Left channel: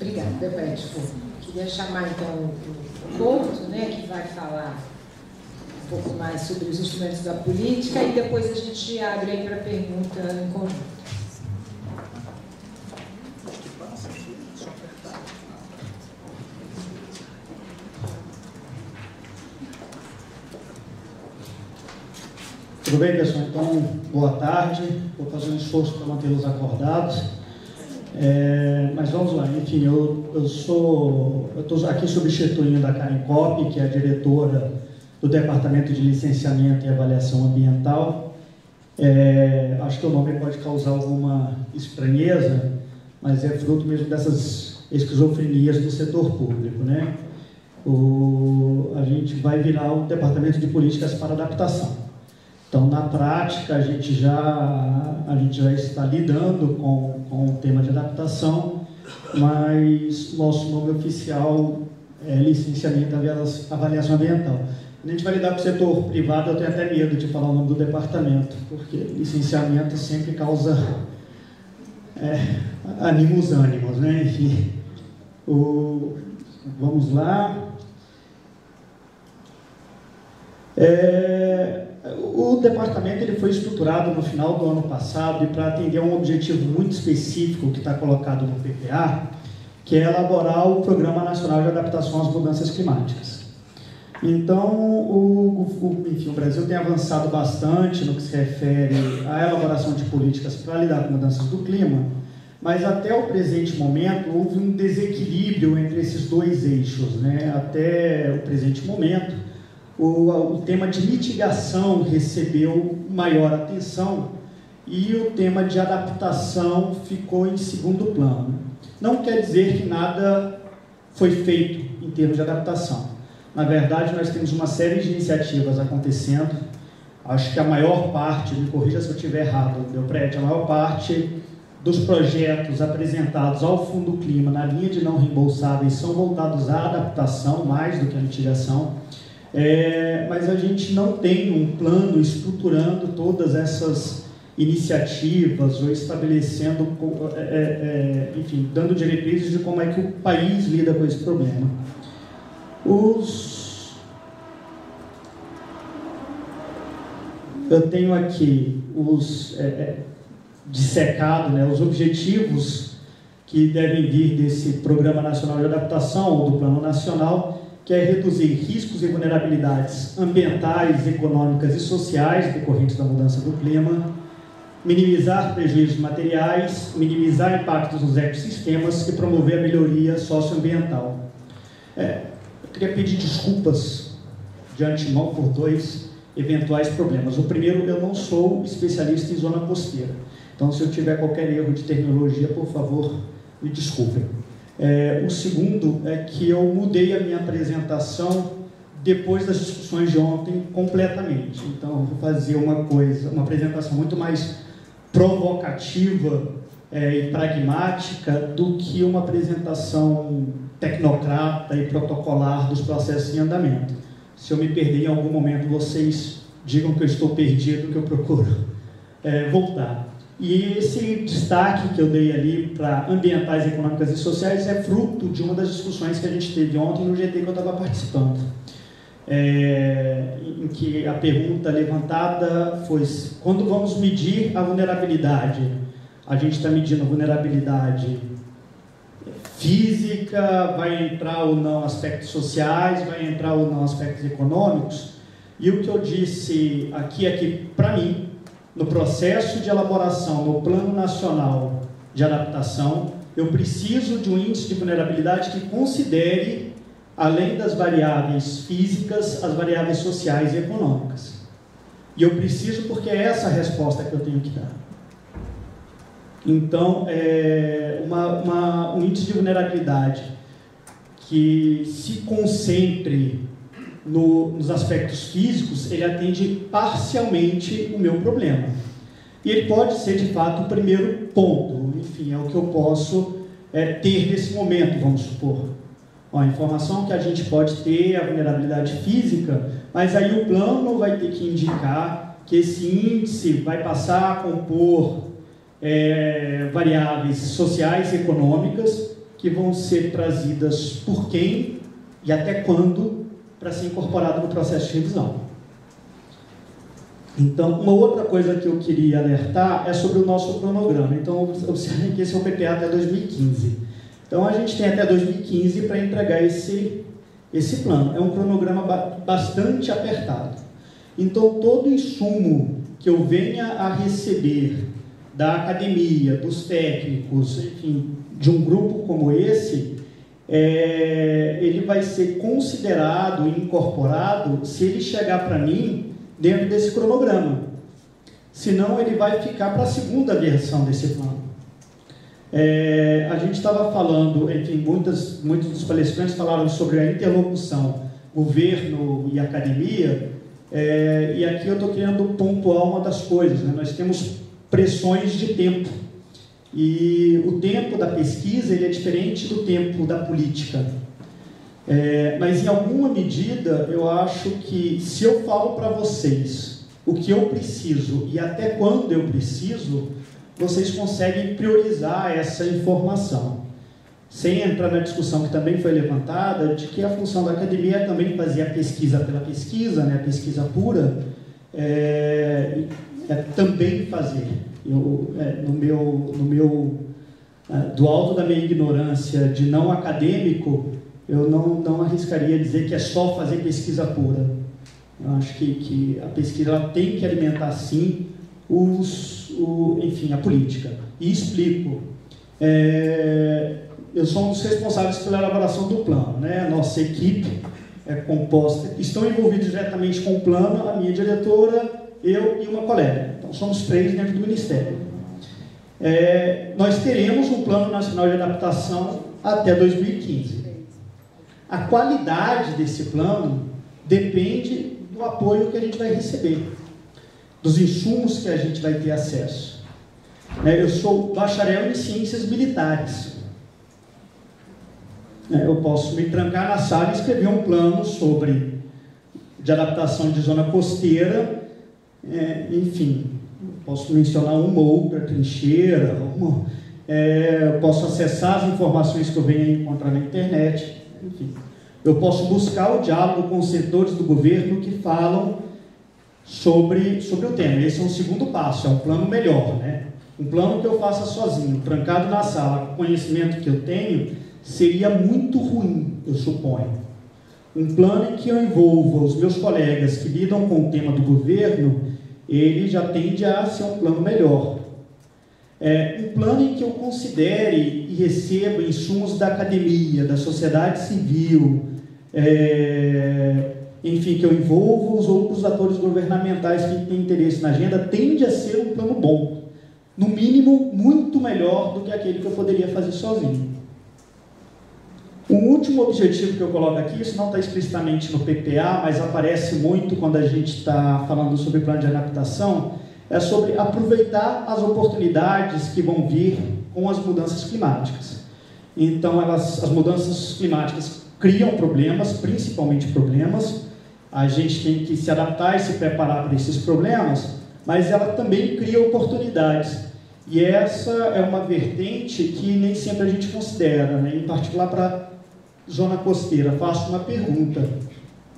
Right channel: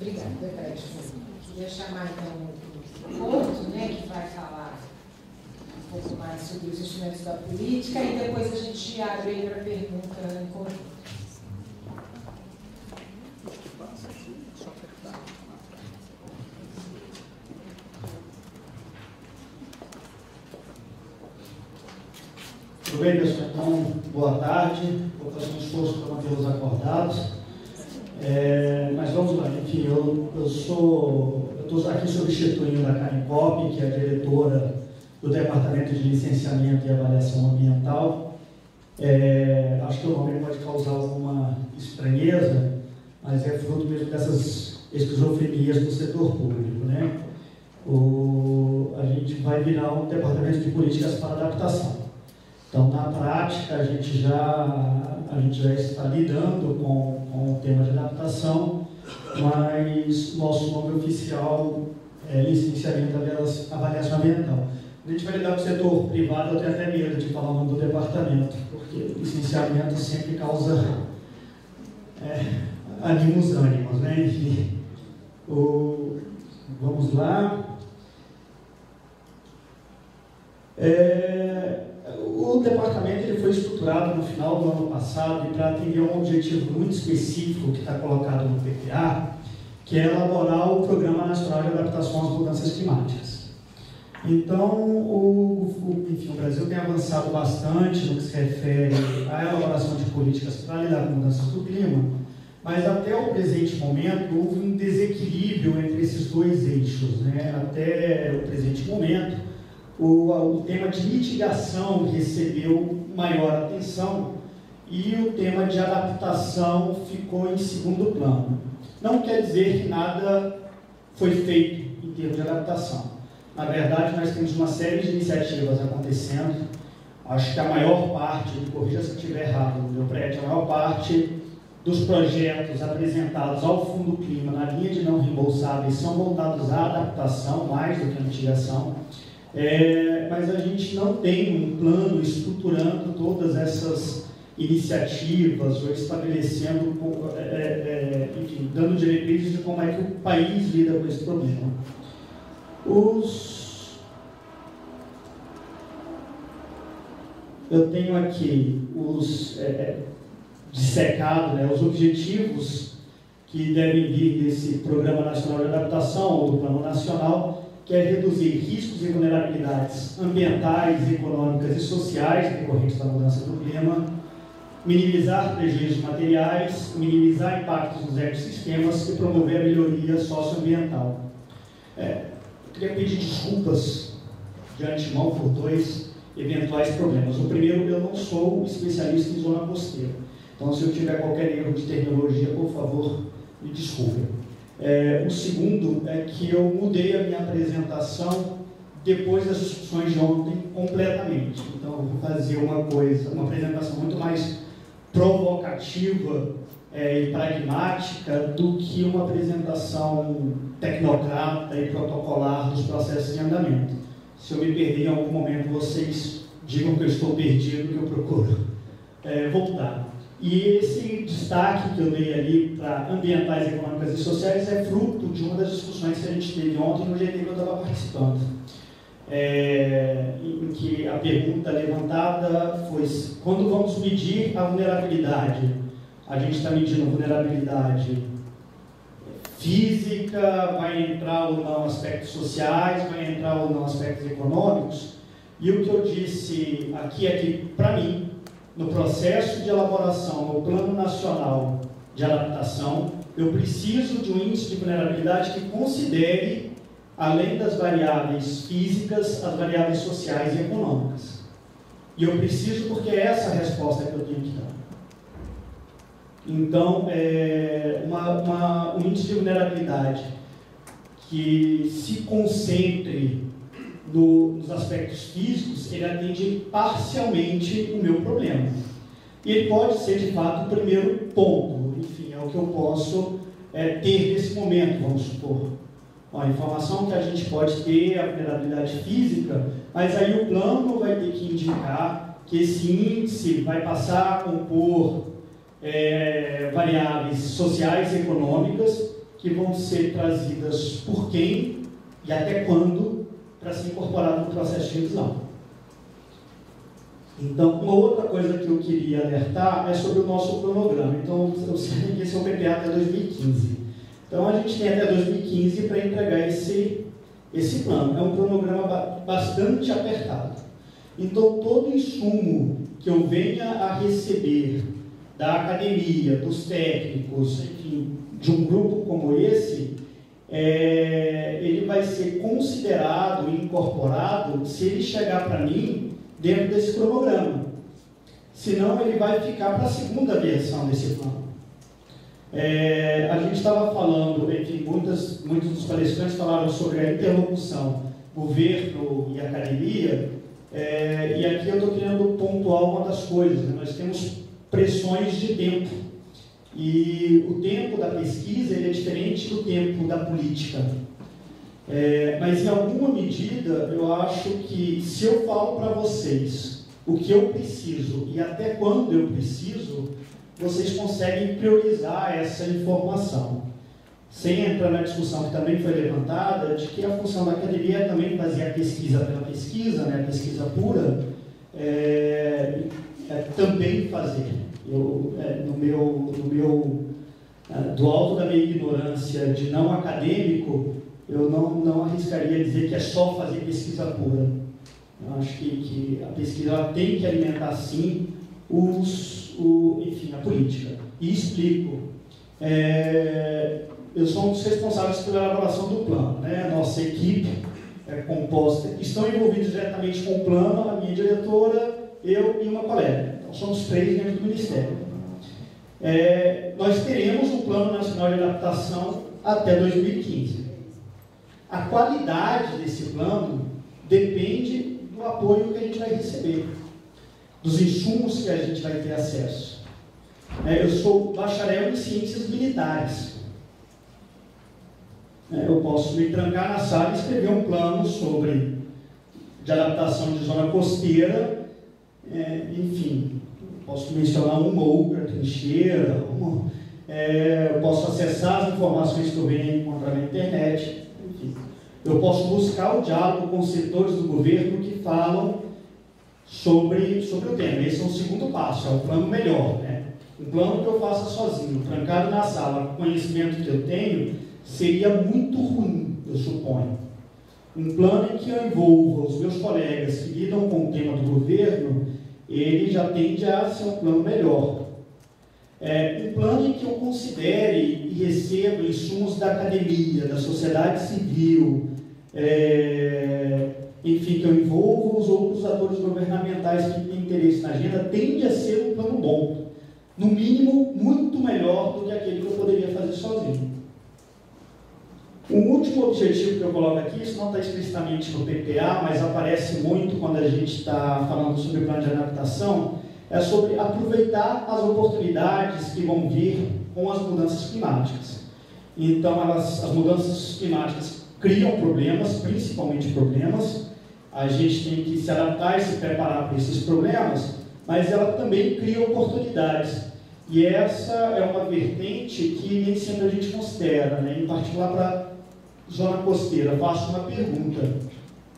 Obrigada, Debrecht. Queria chamar então o Couto, né, que vai falar um pouco mais sobre os instrumentos da política e depois a gente abre aí para pergunta em conjunto. Tudo bem, pessoal? Então, boa tarde. Vou fazer um esforço para mantê-los acordados. Mas vamos lá, enfim, eu estou aqui substituindo a Karen Kopp, que é a diretora do Departamento de Licenciamento e Avaliação Ambiental. Acho que o nome pode causar alguma estranheza, mas é fruto mesmo dessas esquizofrenias do setor público, né? A gente vai virar um Departamento de Políticas para Adaptação. Então, na prática, a gente já está lidando com o tema de adaptação, mas nosso nome oficial é Licenciamento e Avaliação Ambiental. A gente vai lidar com o setor privado, eu tenho até medo de falar o nome do departamento, porque licenciamento sempre causa anima os ânimos, né? Enfim, vamos lá. O departamento ele foi estruturado no final do ano passado e para atender a um objetivo muito específico que está colocado no PPA, que é elaborar o Programa Nacional de Adaptação às Mudanças Climáticas. Então, enfim, o Brasil tem avançado bastante no que se refere à elaboração de políticas para lidar com mudanças do clima, mas até o presente momento houve um desequilíbrio entre esses dois eixos, né? Até o presente momento, o tema de mitigação recebeu maior atenção e o tema de adaptação ficou em segundo plano. Não quer dizer que nada foi feito em termos de adaptação. Na verdade, nós temos uma série de iniciativas acontecendo. Acho que a maior parte, me corrija se eu estiver errado, meu prédio, a maior parte dos projetos apresentados ao Fundo Clima na linha de não reembolsáveis são voltados à adaptação, mais do que à mitigação. Mas a gente não tem um plano estruturando todas essas iniciativas ou estabelecendo, enfim, dando diretrizes de como é que o país lida com esse problema. Eu tenho aqui dissecado, né, os objetivos que devem vir desse Programa Nacional de Adaptação ou do Plano Nacional, que é reduzir riscos e vulnerabilidades ambientais, econômicas e sociais decorrentes da mudança do clima, minimizar prejuízos materiais, minimizar impactos nos ecossistemas e promover a melhoria socioambiental. Eu queria pedir desculpas de antemão por dois eventuais problemas. O primeiro, eu não sou especialista em zona costeira, então se eu tiver qualquer erro de terminologia, por favor, me desculpem. O segundo é que eu mudei a minha apresentação depois das discussões de ontem completamente. Então, eu vou fazer uma apresentação muito mais provocativa e pragmática do que uma apresentação tecnocrata e protocolar dos processos em andamento. Se eu me perder em algum momento, vocês digam que eu estou perdido, que eu procuro voltar. E esse destaque que eu dei ali para ambientais, econômicas e sociais é fruto de uma das discussões que a gente teve ontem no GT que eu estava participando. Em que a pergunta levantada foi: quando vamos medir a vulnerabilidade, a gente está medindo a vulnerabilidade física, vai entrar ou não aspectos sociais, vai entrar ou não aspectos econômicos? E o que eu disse aqui é que, para mim, no processo de elaboração no Plano Nacional de Adaptação, eu preciso de um índice de vulnerabilidade que considere, além das variáveis físicas, as variáveis sociais e econômicas. E eu preciso porque é essa a resposta que eu tenho que dar. Então, um índice de vulnerabilidade que se concentre nos aspectos físicos, ele atende parcialmente o meu problema. E ele pode ser, de fato, o primeiro ponto. Enfim, é o que eu posso ter nesse momento, vamos supor. A informação que a gente pode ter é a vulnerabilidade física, mas aí o plano vai ter que indicar que esse índice vai passar a compor variáveis sociais e econômicas que vão ser trazidas por quem e até quando para ser incorporado no processo de revisão. Então, uma outra coisa que eu queria alertar é sobre o nosso cronograma. Então, eu sei que esse é o PPA até 2015. Então, a gente tem até 2015 para entregar esse plano. É um cronograma bastante apertado. Então, todo insumo que eu venha a receber da academia, dos técnicos, enfim, de um grupo como esse, ele vai ser considerado e incorporado se ele chegar para mim dentro desse cronograma. Senão, ele vai ficar para a segunda versão desse plano. A gente estava falando, enfim, muitos dos palestrantes falaram sobre a interlocução governo e academia, e aqui eu estou querendo pontuar uma das coisas, né? Nós temos pressões de tempo, e o tempo da pesquisa ele é diferente do tempo da política. Mas em alguma medida eu acho que se eu falo para vocês o que eu preciso e até quando eu preciso, vocês conseguem priorizar essa informação. Sem entrar na discussão que também foi levantada, de que a função da academia é também fazer a pesquisa pela pesquisa, né, a pesquisa pura, também fazer. Do alto da minha ignorância de não acadêmico, eu não arriscaria dizer que é só fazer pesquisa pura. Eu acho que a pesquisa ela tem que alimentar, sim, enfim, a política. E explico. Eu sou um dos responsáveis pela elaboração do plano, né? A nossa equipe é composta, estão envolvidos diretamente com o plano, a minha diretora, eu e uma colega. Então, somos 3 dentro do Ministério. Nós teremos um Plano Nacional de Adaptação até 2015. A qualidade desse plano depende do apoio que a gente vai receber, dos insumos que a gente vai ter acesso. Eu sou bacharel em ciências militares. Eu posso me trancar na sala e escrever um plano de adaptação de zona costeira, enfim, posso mencionar um morro, a trincheira, eu posso acessar as informações que eu venho encontrar na internet, enfim. Eu posso buscar o diálogo com os setores do governo que falam sobre o tema. Esse é um segundo passo, é um plano melhor, né? Um plano que eu faça sozinho, trancado na sala, com o conhecimento que eu tenho, seria muito ruim, eu suponho. Um plano em que eu envolva os meus colegas que lidam com o tema do governo, ele já tende a ser um plano melhor. Um plano em que eu considere e receba insumos da academia, da sociedade civil, enfim, que eu envolva os outros atores governamentais que têm interesse na agenda, tende a ser um plano bom. No mínimo, muito melhor do que aquele que eu poderia fazer sozinho. O último objetivo que eu coloco aqui, isso não está explicitamente no PPA, mas aparece muito quando a gente está falando sobre plano de adaptação, é sobre aproveitar as oportunidades que vão vir com as mudanças climáticas. Então, as mudanças climáticas criam problemas, principalmente problemas. A gente tem que se adaptar e se preparar para esses problemas, mas ela também cria oportunidades. E essa é uma vertente que nem sempre a gente considera, né? Em particular para zona costeira. Faço uma pergunta:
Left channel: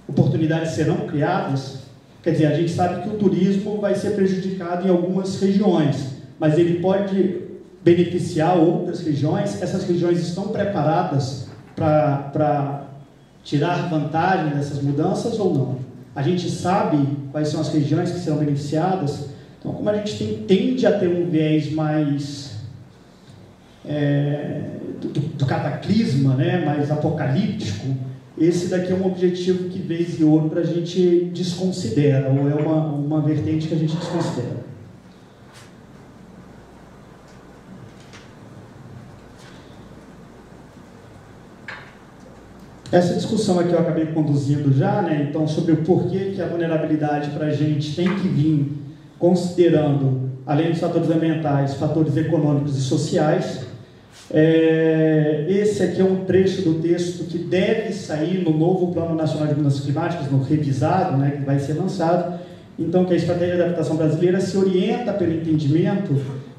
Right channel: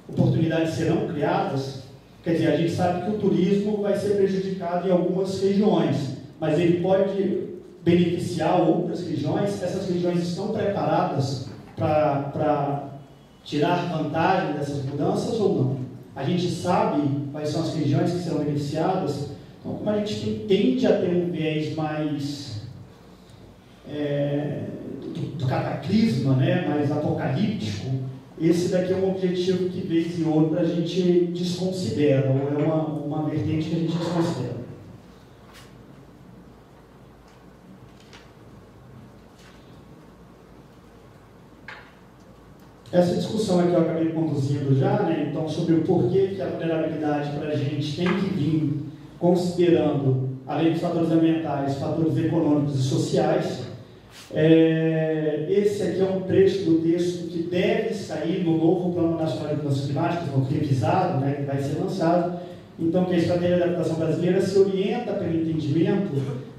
oportunidades serão criadas? Quer dizer, a gente sabe que o turismo vai ser prejudicado em algumas regiões, mas ele pode beneficiar outras regiões. Essas regiões estão preparadas para tirar vantagem dessas mudanças ou não? A gente sabe quais são as regiões que serão beneficiadas. Então, como a gente tende a ter um viés mais do cataclisma, né, mais apocalíptico, esse daqui é um objetivo que, vez e outra, a gente desconsidera, ou é uma vertente que a gente desconsidera. Essa discussão aqui eu acabei conduzindo já, né, então, sobre o porquê que a vulnerabilidade para a gente tem que vir considerando, além dos fatores ambientais, fatores econômicos e sociais. Esse aqui é um trecho do texto que deve sair no novo Plano Nacional de Mudanças Climáticas, no revisado, né, que vai ser lançado. Então, que a Estratégia de Adaptação Brasileira se orienta pelo entendimento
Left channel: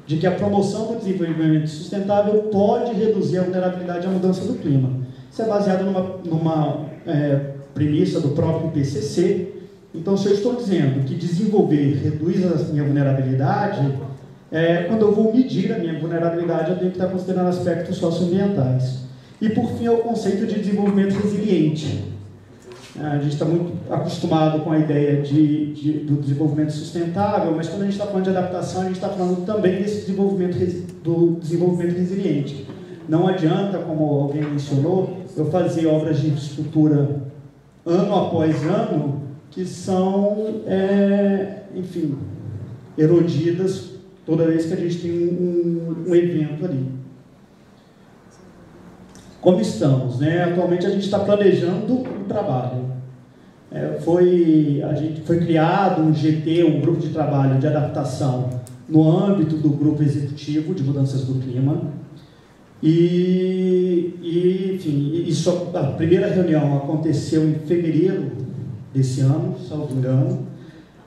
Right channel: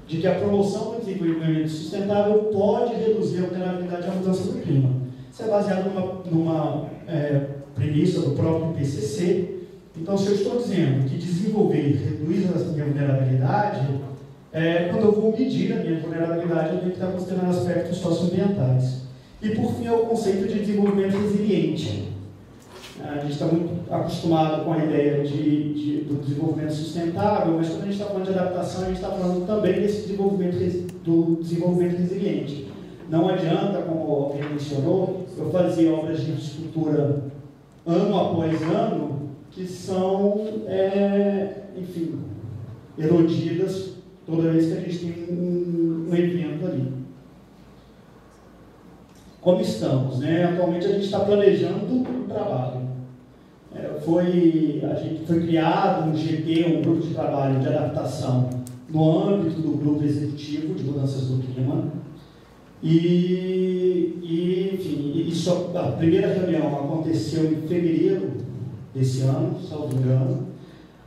de que a promoção do desenvolvimento sustentável pode reduzir a vulnerabilidade à mudança do clima. Isso é baseado numa premissa do próprio IPCC. Então, se eu estou dizendo que desenvolver reduz a minha vulnerabilidade, quando eu vou medir a minha vulnerabilidade, eu tenho que estar considerando aspectos socioambientais. E, por fim, é o conceito de desenvolvimento resiliente. A gente está muito acostumado com a ideia do desenvolvimento sustentável, mas quando a gente está falando de adaptação, a gente está falando também desse do desenvolvimento resiliente. Não adianta, como alguém mencionou, eu fazer obras de infraestrutura ano após ano que são, enfim, erodidas toda vez que a gente tem um evento ali. Como estamos, né? Atualmente a gente está planejando o trabalho. Foi criado um GT, um grupo de trabalho de adaptação, no âmbito do grupo executivo de mudanças do clima. Enfim, a primeira reunião aconteceu em fevereiro desse ano, salvo engano,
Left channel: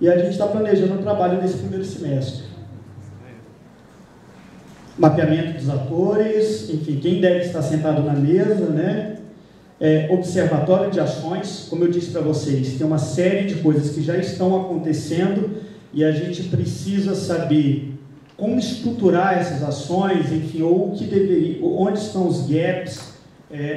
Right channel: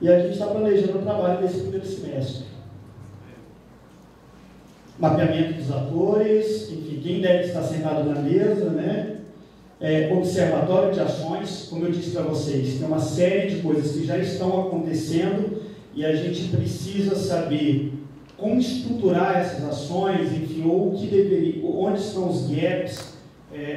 e a gente está planejando o trabalho nesse primeiro semestre. Mapeamento dos atores, enfim, quem deve estar sentado na mesa, né? Observatório de ações, como eu disse para vocês, tem uma série de coisas que já estão acontecendo e a gente precisa saber como estruturar essas ações, enfim, ou o que deveria, onde estão os gaps,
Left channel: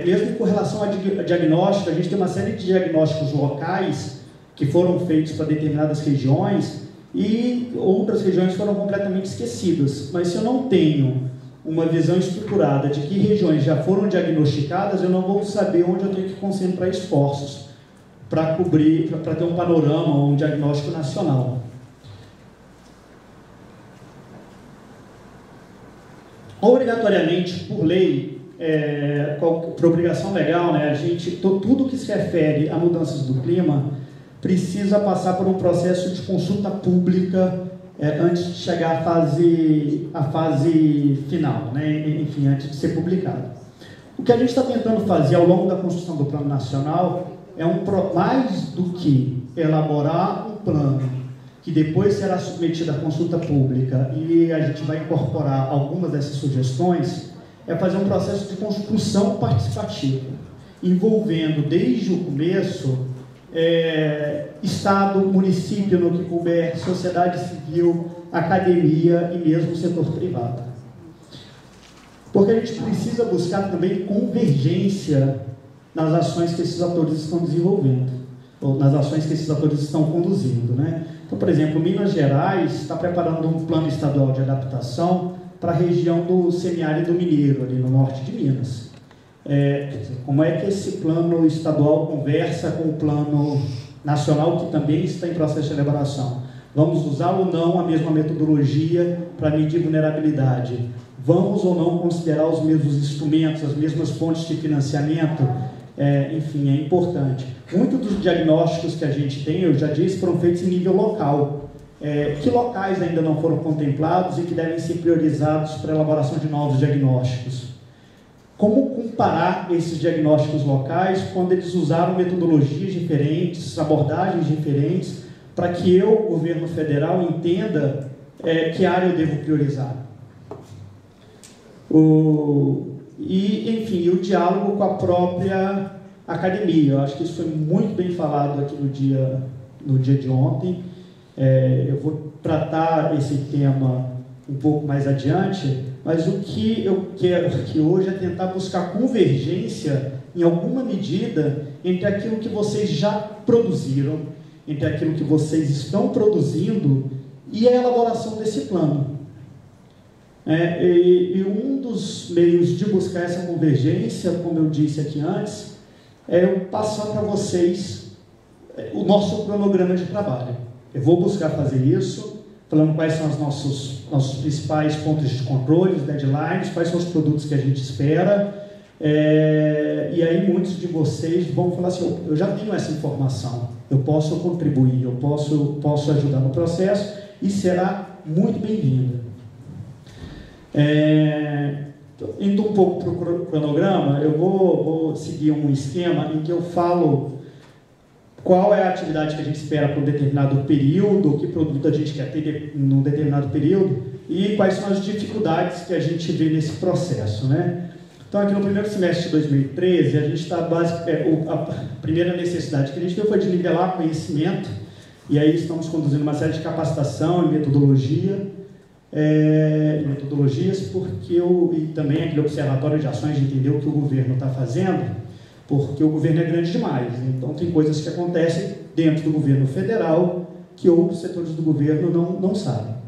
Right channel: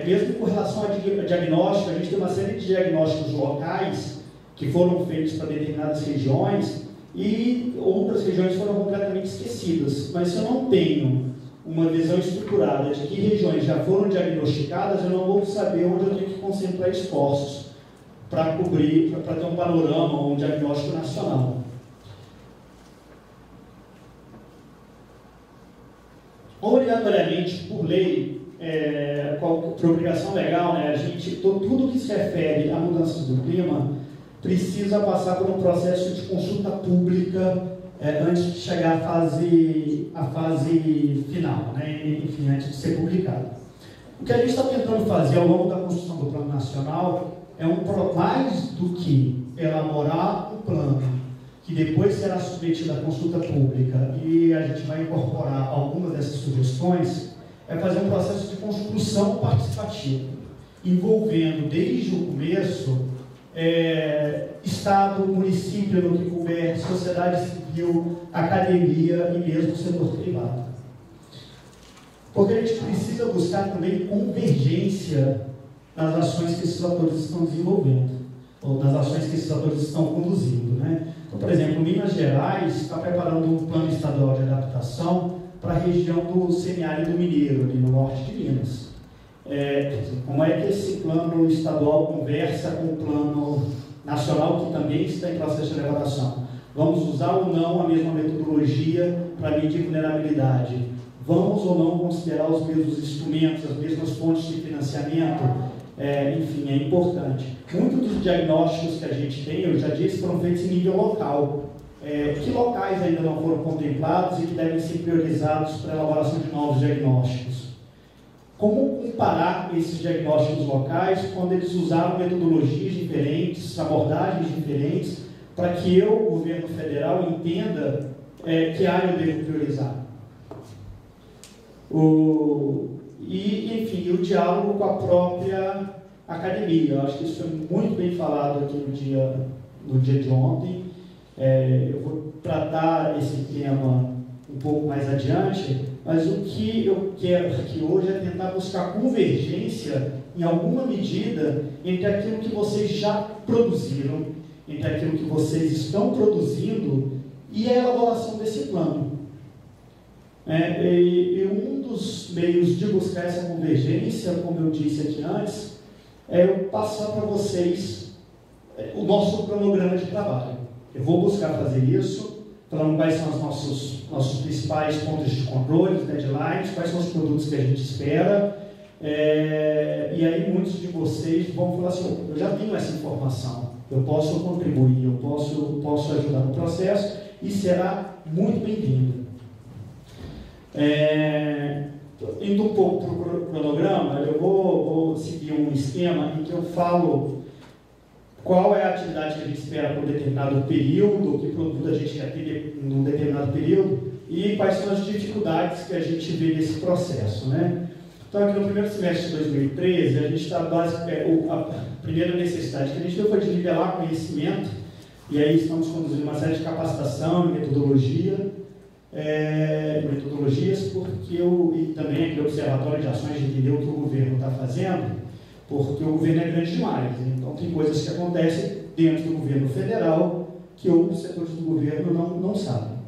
mesmo com relação a diagnóstico. A gente tem uma série de diagnósticos locais que foram feitos para determinadas regiões e outras regiões foram completamente esquecidas. Mas se eu não tenho uma visão estruturada de que regiões já foram diagnosticadas, eu não vou saber onde eu tenho que concentrar esforços para cobrir, para ter um panorama, um diagnóstico nacional. Obrigatoriamente, por lei, por obrigação legal, né, tudo que se refere a mudanças do clima precisa passar por um processo de consulta pública antes de chegar à fase final, né? Enfim, antes de ser publicado. O que a gente está tentando fazer ao longo da construção do Plano Nacional mais do que elaborar um plano que depois será submetido à consulta pública e a gente vai incorporar algumas dessas sugestões, é fazer um processo de construção participativa, envolvendo desde o começo Estado, município, no que couber, sociedade civil, academia e mesmo setor privado. Porque a gente precisa buscar também convergência nas ações que esses atores estão desenvolvendo, ou nas ações que esses atores estão conduzindo, né? Então, por exemplo, Minas Gerais está preparando um plano estadual de adaptação para a região do semiárido mineiro, ali no norte de Minas. Como é que esse plano estadual conversa com o plano nacional, que também está em processo de elaboração? Vamos usar ou não a mesma metodologia para medir vulnerabilidade? Vamos ou não considerar os mesmos instrumentos, as mesmas fontes de financiamento? Enfim, é importante. Muitos dos diagnósticos que a gente tem, eu já disse, foram feitos em nível local. Que locais ainda não foram contemplados e que devem ser priorizados para a elaboração de novos diagnósticos? Como comparar esses diagnósticos locais quando eles usaram metodologias diferentes, abordagens diferentes, para que eu, governo federal, entenda que área eu devo priorizar? Enfim, o diálogo com a própria academia. Eu acho que isso foi muito bem falado aqui no dia de ontem. Eu vou tratar esse tema um pouco mais adiante, mas o que eu quero aqui hoje é tentar buscar convergência, em alguma medida, entre aquilo que vocês já produziram, entre aquilo que vocês estão produzindo e a elaboração desse plano. E um dos meios de buscar essa convergência, como eu disse aqui antes, é eu passar para vocês o nosso cronograma de trabalho. Eu vou buscar fazer isso, falando quais são os nossos principais pontos de controle, os deadlines, quais são os produtos que a gente espera, e aí muitos de vocês vão falar assim: eu já tenho essa informação, eu posso contribuir, eu posso ajudar no processo, e será muito bem-vindo. Indo um pouco para o cronograma, eu vou seguir um esquema em que eu falo qual é a atividade que a gente espera para um determinado período, que produto a gente quer ter num determinado período, e quais são as dificuldades que a gente vê nesse processo, né? Então, aqui no primeiro semestre de 2013, a gente está basicamente, a primeira necessidade que a gente teve foi de nivelar conhecimento, e aí estamos conduzindo uma série de capacitação e metodologias, e também aquele observatório de ações de entender o que o governo está fazendo, porque o governo é grande demais. Então, tem coisas que acontecem dentro do governo federal que outros setores do governo não sabem.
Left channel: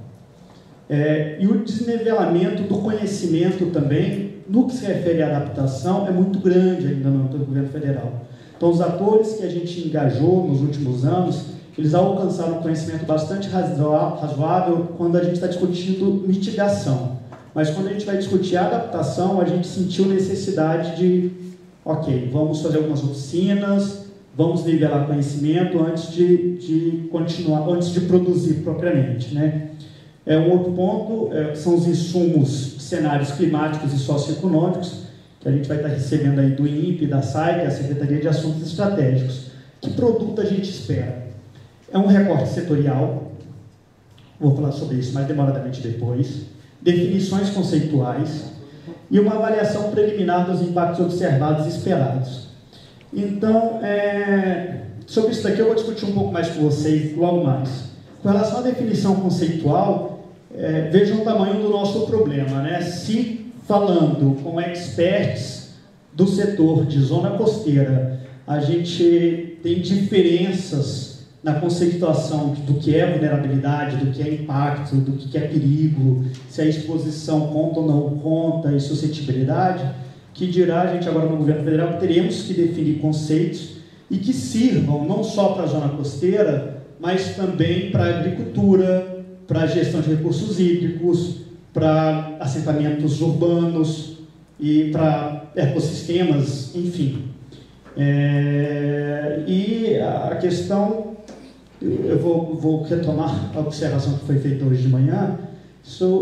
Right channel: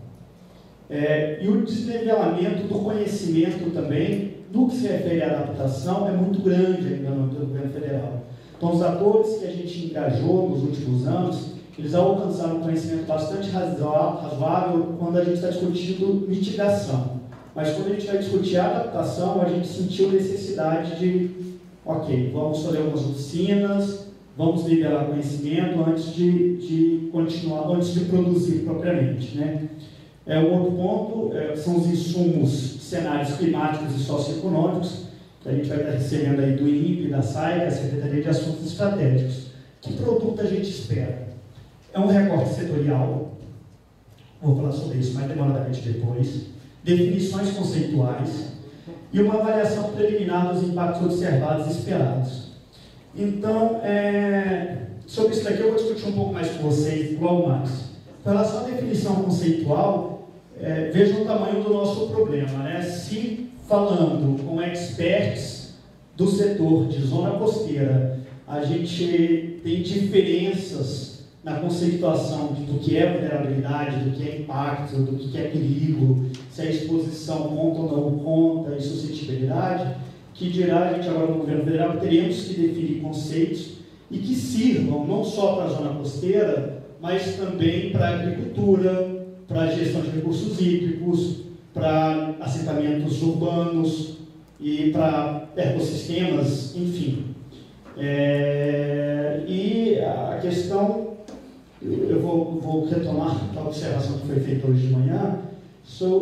E o desnivelamento do conhecimento também, no que se refere à adaptação, é muito grande ainda no governo federal. Então, os atores que a gente engajou nos últimos anos, eles alcançaram um conhecimento bastante razoável quando a gente está discutindo mitigação. Mas quando a gente vai discutir a adaptação, a gente sentiu necessidade de, ok, vamos fazer algumas oficinas, vamos nivelar conhecimento antes de continuar, antes de produzir propriamente, né? Um outro ponto são os insumos, cenários climáticos e socioeconômicos, que a gente vai estar recebendo aí do INPE, da SAI, da Secretaria de Assuntos Estratégicos. Que produto a gente espera? É um recorte setorial, vou falar sobre isso mais demoradamente depois, definições conceituais e uma avaliação preliminar dos impactos observados e esperados. Então, sobre isso daqui eu vou discutir um pouco mais com vocês logo mais. Com relação à definição conceitual, vejam o tamanho do nosso problema, né? Se falando com experts do setor de zona costeira, a gente tem diferenças na conceituação do que é vulnerabilidade, do que é impacto, do que é perigo, se a exposição conta ou não conta, e suscetibilidade, que dirá a gente agora no governo federal que teremos que definir conceitos e que sirvam não só para a zona costeira, mas também para a agricultura, para a gestão de recursos hídricos, para assentamentos urbanos e para ecossistemas, enfim. E a questão, eu vou retomar a observação que foi feita hoje de manhã,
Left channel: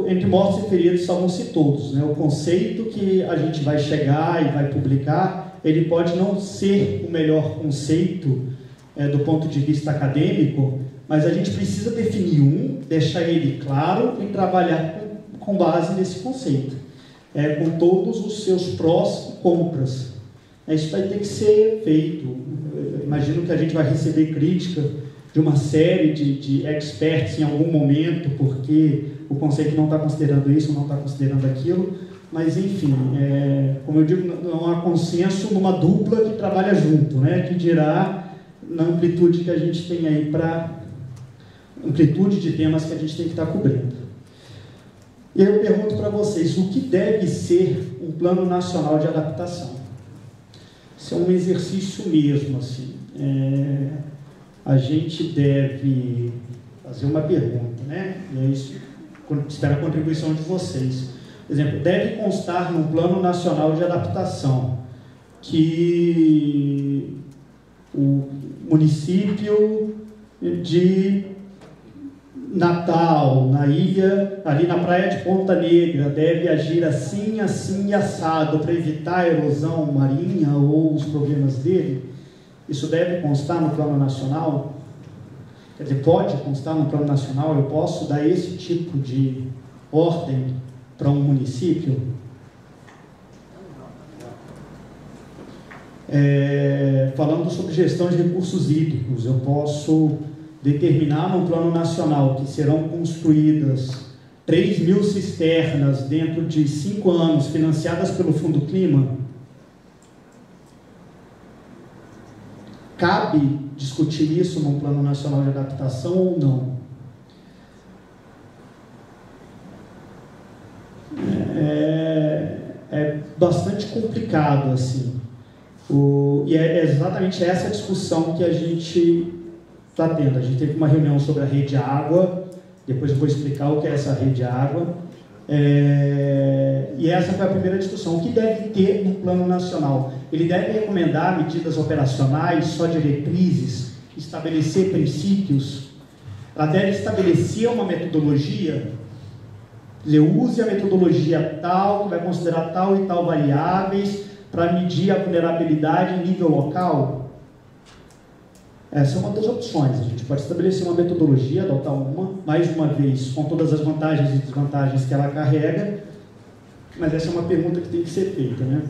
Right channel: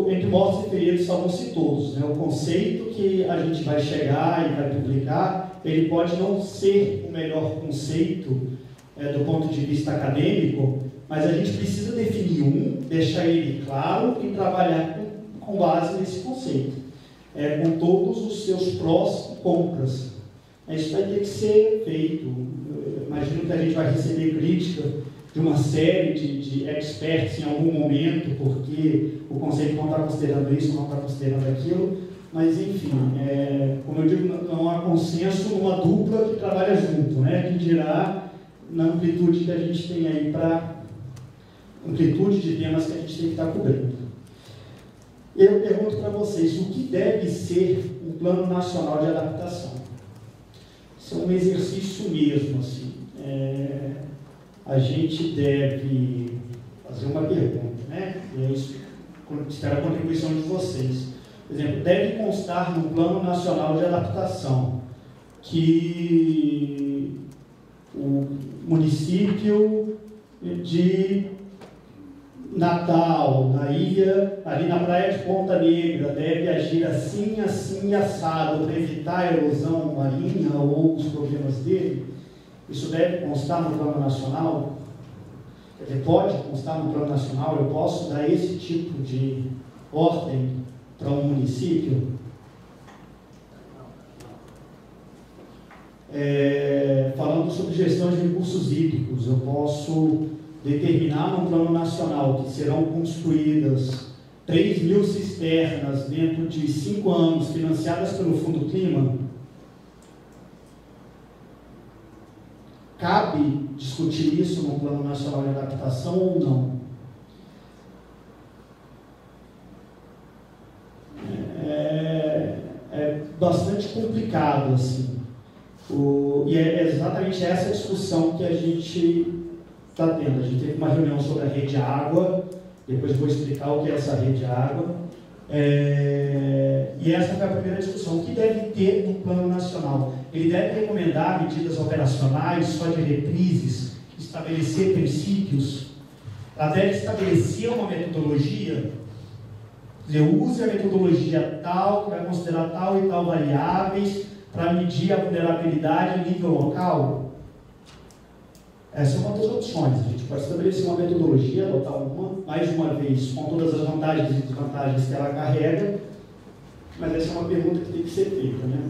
entre mortos e feridos salvam-se todos, né? O conceito que a gente vai chegar e vai publicar, ele pode não ser o melhor conceito do ponto de vista acadêmico, mas a gente precisa definir deixar ele claro e trabalhar com base nesse conceito, com todos os seus prós e contras. Isso vai ter que ser feito. Eu imagino que a gente vai receber crítica de uma série de experts em algum momento, porque o conceito não está considerando isso, não está considerando aquilo, mas enfim, como eu digo, não há consenso numa dupla que trabalha junto, né, que dirá na amplitude que a gente tem aí para amplitude de temas que a gente tem que estar cobrindo. E eu pergunto para vocês, o que deve ser um plano nacional de adaptação? Isso é um exercício mesmo, assim. A gente deve fazer uma pergunta, né? E é isso, espero a contribuição de vocês. Por exemplo, deve constar no Plano Nacional de Adaptação que o município de Natal, na ilha, ali na praia de Ponta Negra, deve agir assim, assim e assado para evitar a erosão marinha ou os problemas dele. Isso deve constar no Plano Nacional? Quer dizer, pode constar no Plano Nacional? Eu posso dar esse tipo de ordem para um município? Falando sobre gestão de recursos hídricos, eu posso determinar no Plano Nacional que serão construídas 3.000 cisternas dentro de 5 anos, financiadas pelo Fundo Clima? Cabe discutir isso no Plano Nacional de Adaptação ou não? É bastante complicado, assim. E é exatamente essa discussão que a gente está tendo. A gente teve uma reunião sobre a rede água, depois eu vou explicar o que é essa rede água. E essa foi a primeira discussão. O que deve ter no Plano Nacional? Ele deve recomendar medidas operacionais, só diretrizes, estabelecer princípios. Ela deve estabelecer uma metodologia. Dizer, use a metodologia tal, que vai considerar tal e tal variáveis para medir a vulnerabilidade em nível local. Essa é uma das opções. A gente pode estabelecer uma metodologia, adotar mais uma vez, com todas as vantagens e desvantagens que ela carrega, mas essa é uma pergunta que tem que ser feita, né?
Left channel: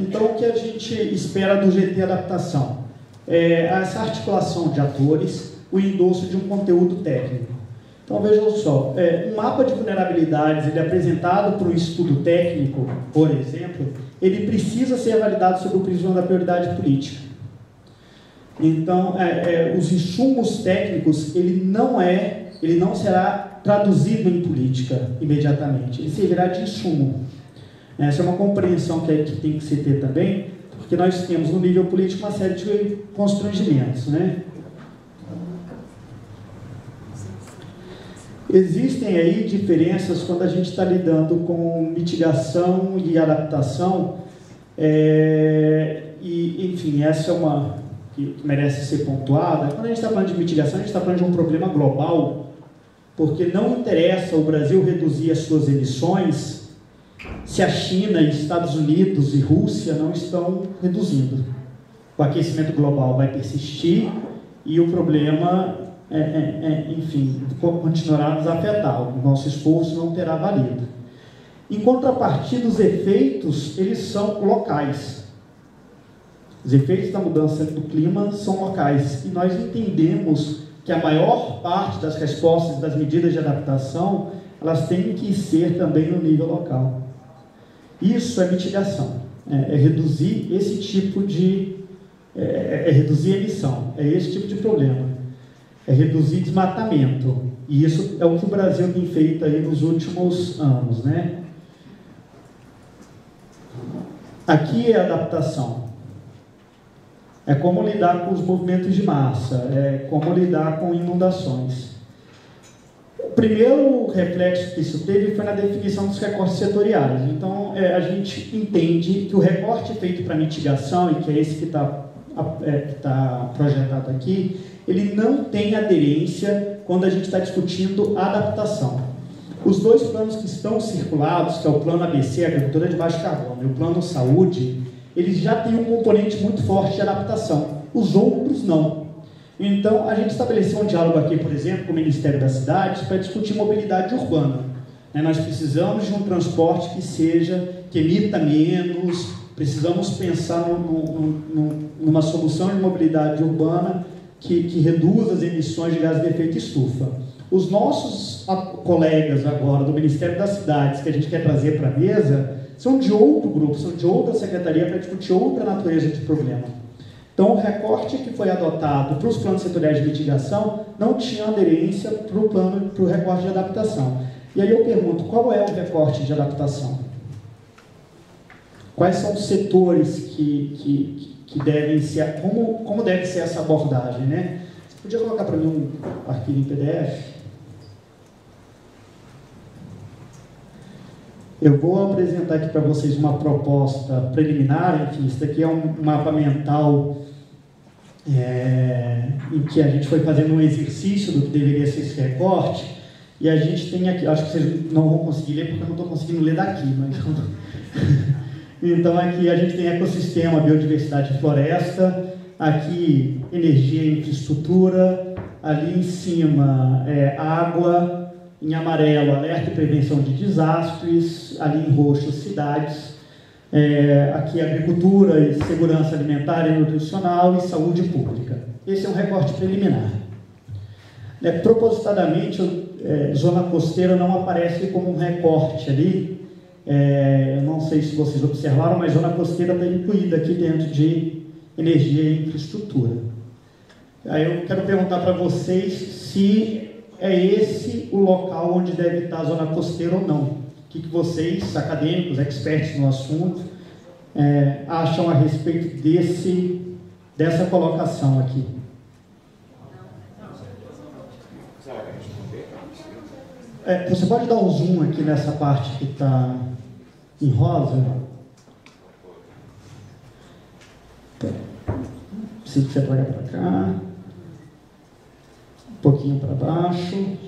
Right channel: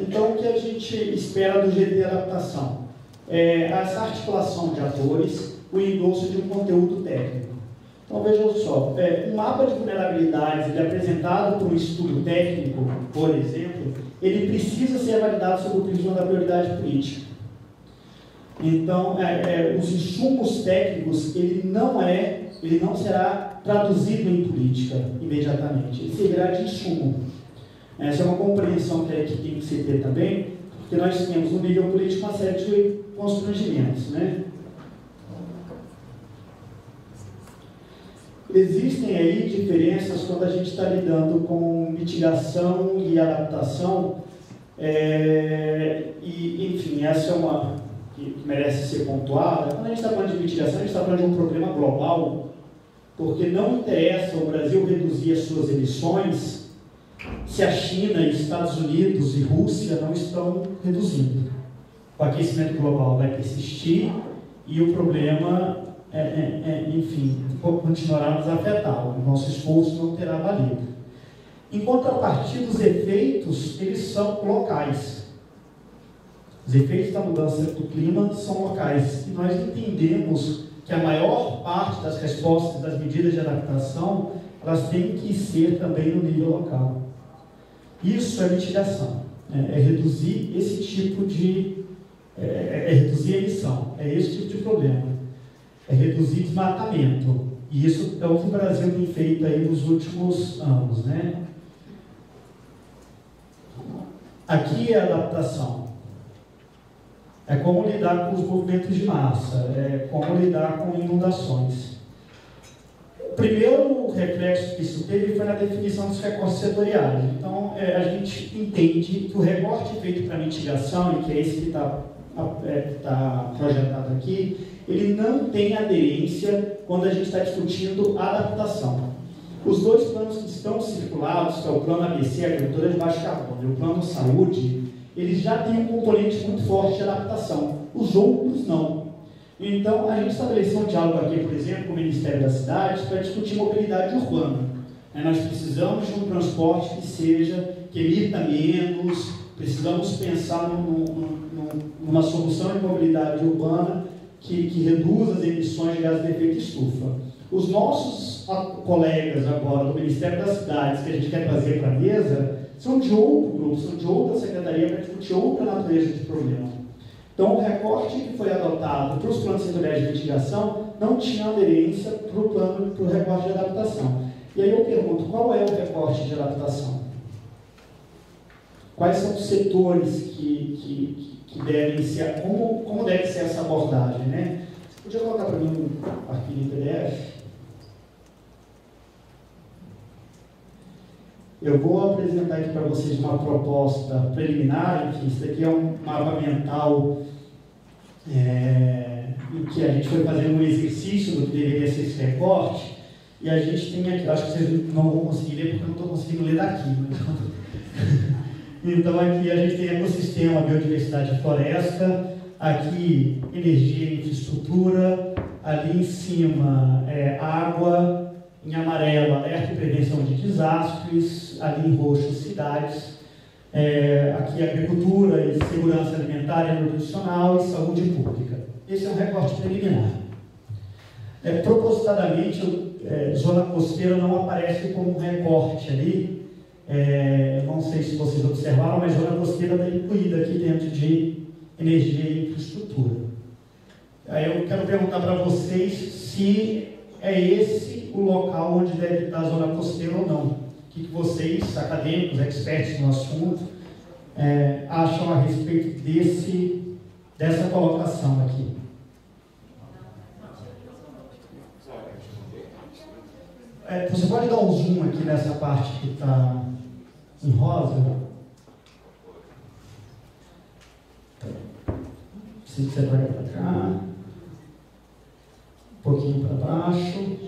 Então, o que a gente espera do GT Adaptação? Essa articulação de atores, o endosso de um conteúdo técnico. Então, vejam só, um mapa de vulnerabilidades apresentado por um estudo técnico, por exemplo, ele precisa ser validado sob o prisma da prioridade política. Então, os insumos técnicos, ele não será traduzido em política imediatamente, ele servirá de insumo. Essa é uma compreensão que a equipe tem que se ter também, porque nós temos no nível político uma série de constrangimentos, né? Existem aí diferenças quando a gente está lidando com mitigação e adaptação, enfim, essa é uma que merece ser pontuada. Quando a gente está falando de mitigação, a gente está falando de um problema global, porque não interessa o Brasil reduzir as suas emissões se a China, Estados Unidos e Rússia não estão reduzindo. O aquecimento global vai persistir e o problema, enfim, continuará a nos afetar. O nosso esforço não terá valido. Em contrapartida, os efeitos, eles são locais. Os efeitos da mudança do clima são locais. E nós entendemos que a maior parte das respostas das medidas de adaptação, elas têm que ser também no nível local. Isso é mitigação, é reduzir esse tipo de... reduzir a emissão, é esse tipo de problema. É reduzir desmatamento. E isso é o que o Brasil tem feito aí nos últimos anos, né? Aqui é a adaptação. É como lidar com os movimentos de massa, é como lidar com inundações. O primeiro reflexo que isso teve foi na definição dos recortes setoriais. Então, a gente entende que o recorte feito para mitigação, e que é esse que está projetado aqui, ele não tem aderência quando a gente está discutindo adaptação. Os dois planos que estão circulados, que é o plano ABC, agricultura de baixo carbono, e o plano saúde, eles já têm um componente muito forte de adaptação. Os outros não. Então, a gente estabeleceu um diálogo aqui, por exemplo, com o Ministério das Cidades para discutir mobilidade urbana. Nós precisamos de um transporte que emita menos, precisamos pensar numa solução de mobilidade urbana que reduza as emissões de gases de efeito estufa. Os nossos colegas agora do Ministério das Cidades, que a gente quer trazer para a mesa, são de outro grupo, são de outra secretaria para discutir outra natureza de problema. Então, o recorte que foi adotado para os planos setoriais de mitigação não tinha aderência para o recorte de adaptação. E aí eu pergunto, qual é o recorte de adaptação? Quais são os setores que devem ser, como deve ser essa abordagem, né? Você podia colocar para mim um arquivo em PDF? Eu vou apresentar aqui para vocês uma proposta preliminar, enfim, isso aqui é um mapa mental em que a gente foi fazendo um exercício do que deveria ser esse recorte, e a gente tem aqui, acho que vocês não vão conseguir ler porque eu não estou conseguindo ler daqui, mas então aqui a gente tem ecossistema, biodiversidade e floresta, aqui energia e infraestrutura, ali em cima água, em amarelo alerta e prevenção de desastres, ali em roxo cidades, aqui agricultura e segurança alimentar e nutricional e saúde pública. Esse é um recorte preliminar. Propositadamente, zona costeira não aparece como um recorte ali. Não sei se vocês observaram, mas zona costeira está incluída aqui dentro de energia e infraestrutura. Aí eu quero perguntar para vocês se é esse o local onde deve estar a zona costeira ou não. O que vocês, acadêmicos, experts no assunto, acham a respeito dessa colocação aqui? Você pode dar um zoom aqui nessa parte que está em rosa? Preciso que você traga para cá. Um pouquinho para baixo.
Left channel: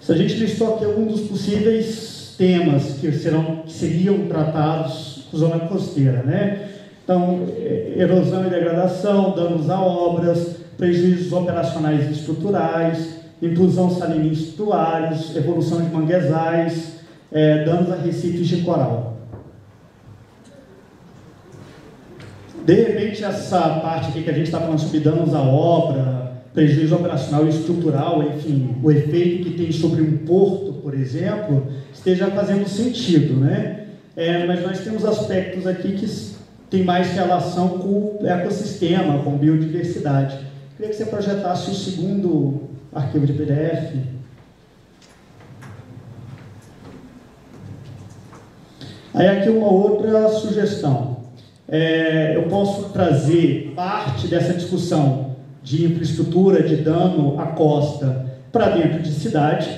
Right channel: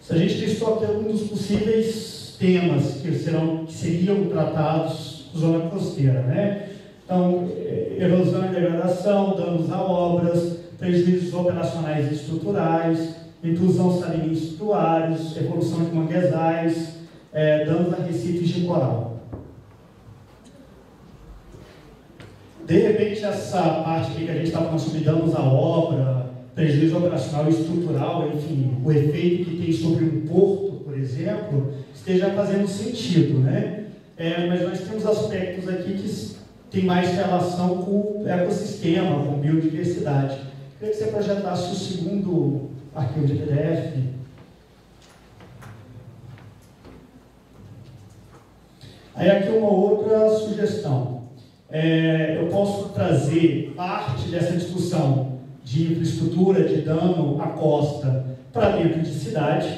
Se a gente listou aqui alguns dos possíveis temas que seriam tratados por zona costeira, né? Então, erosão e degradação, danos a obras, prejuízos operacionais e estruturais, intrusão salina em estuários, evolução de manguezais, danos a recifes de coral. De repente, essa parte aqui que a gente está falando sobre danos à obra, prejuízo operacional e estrutural, enfim, o efeito que tem sobre um porto, por exemplo, esteja fazendo sentido, né? Mas nós temos aspectos aqui que têm mais relação com o ecossistema, com biodiversidade. Queria que você projetasse o segundo arquivo de PDF. Aí aqui uma outra sugestão. Eu posso trazer parte dessa discussão de infraestrutura, de dano à costa, para dentro de cidade,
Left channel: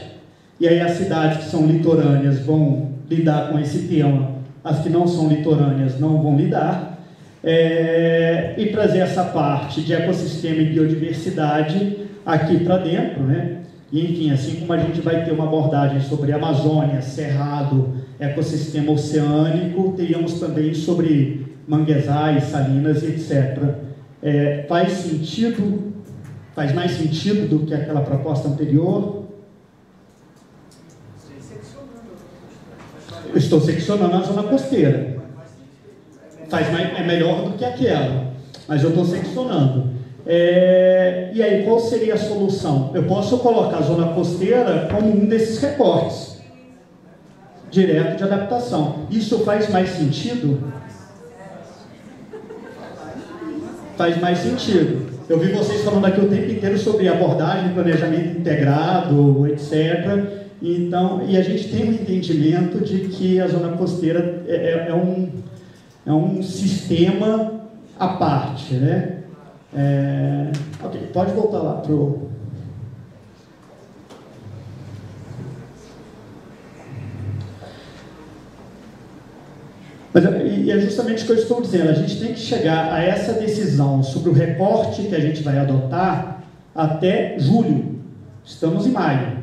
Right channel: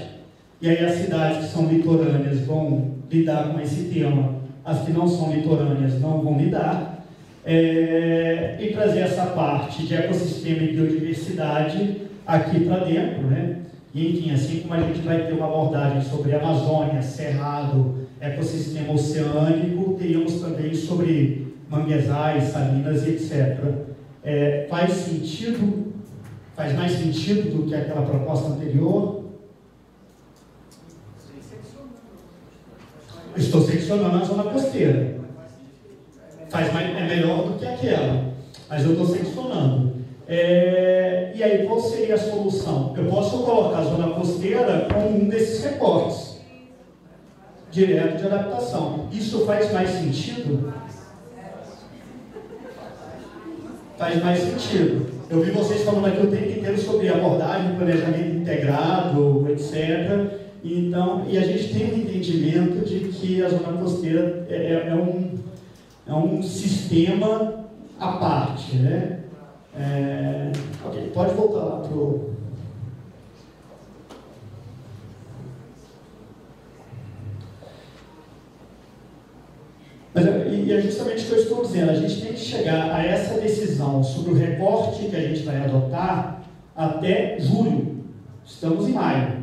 e aí as cidades que são litorâneas vão lidar com esse tema, as que não são litorâneas não vão lidar, e trazer essa parte de ecossistema e biodiversidade aqui para dentro, né? E enfim, assim como a gente vai ter uma abordagem sobre Amazônia, Cerrado, ecossistema oceânico, teríamos também sobre manguezais, salinas, etc. Faz sentido, faz mais sentido do que aquela proposta anterior? Eu estou seccionando a zona costeira. É melhor do que aquela, mas eu estou seccionando. E aí, qual seria a solução? Eu posso colocar a zona costeira como um desses recortes direto de adaptação. Isso faz mais sentido? Faz mais sentido. Eu vi vocês falando aqui o tempo inteiro sobre abordagem, planejamento integrado, etc. Então, e a gente tem um entendimento de que a zona costeira é um sistema à parte, né? Ok, pode voltar lá para o... Mas é justamente o que eu estou dizendo, a gente tem que chegar a essa decisão sobre o recorte que a gente vai adotar até julho. Estamos em maio,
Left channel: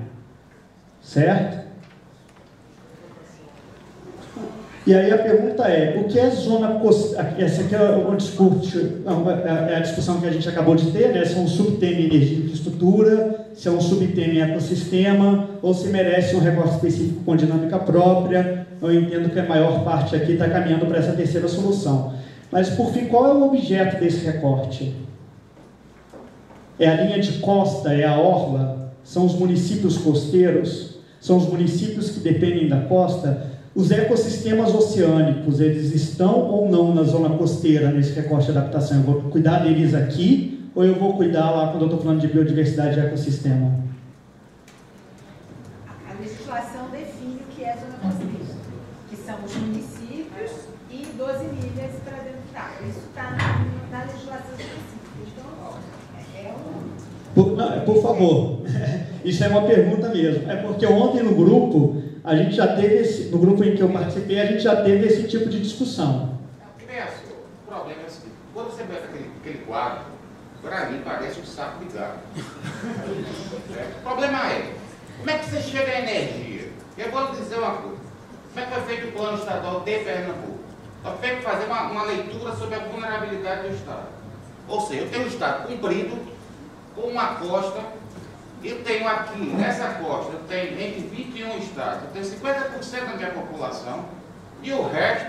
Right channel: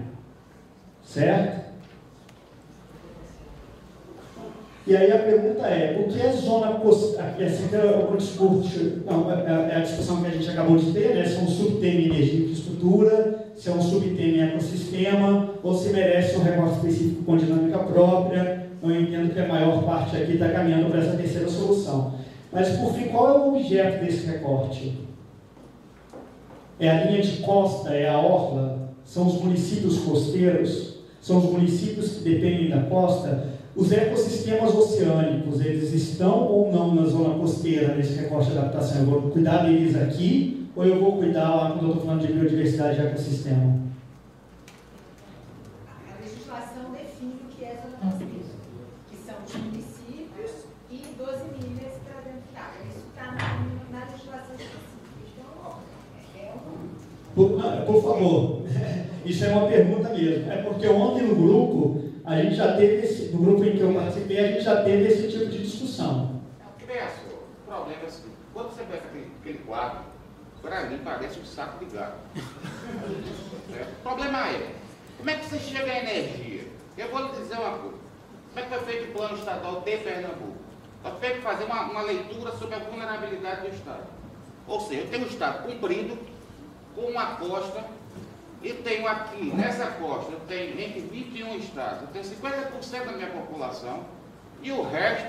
certo? E aí a pergunta é, o que é zona costeira? Essa aqui é a discussão que a gente acabou de ter, né? Se é um subtema energia e infraestrutura, se é um subtema ecossistema, ou se merece um recorte específico com dinâmica própria. Eu entendo que a maior parte aqui está caminhando para essa terceira solução. Mas, por fim, qual é o objeto desse recorte? É a linha de costa, é a orla? São os municípios costeiros? São os municípios que dependem da costa? Os ecossistemas oceânicos, eles estão ou não na zona costeira nesse recorte de adaptação? Eu vou cuidar deles aqui ou eu vou cuidar lá quando eu estou falando de biodiversidade e ecossistema? A legislação define o que é zona costeira, que são os municípios e 12 milhas para dentro da água. Isso está na legislação específica. Então, Por favor, isso é uma pergunta mesmo. É porque ontem no grupo, a gente já teve, no grupo em que eu participei, a gente já teve esse tipo de discussão. O problema é o seguinte, quando você vê aquele quadro, para mim parece um saco de gato. O problema é, como é que você chega à energia? Eu vou lhe dizer uma coisa. Como é que foi feito o plano estadual de Pernambuco? Foi feito fazer uma leitura sobre a vulnerabilidade do Estado. Ou seja, eu tenho um Estado comprido, com uma costa, e tenho aqui, nessa costa, eu tenho entre 21 estados, eu tenho 50% da minha população, e o resto,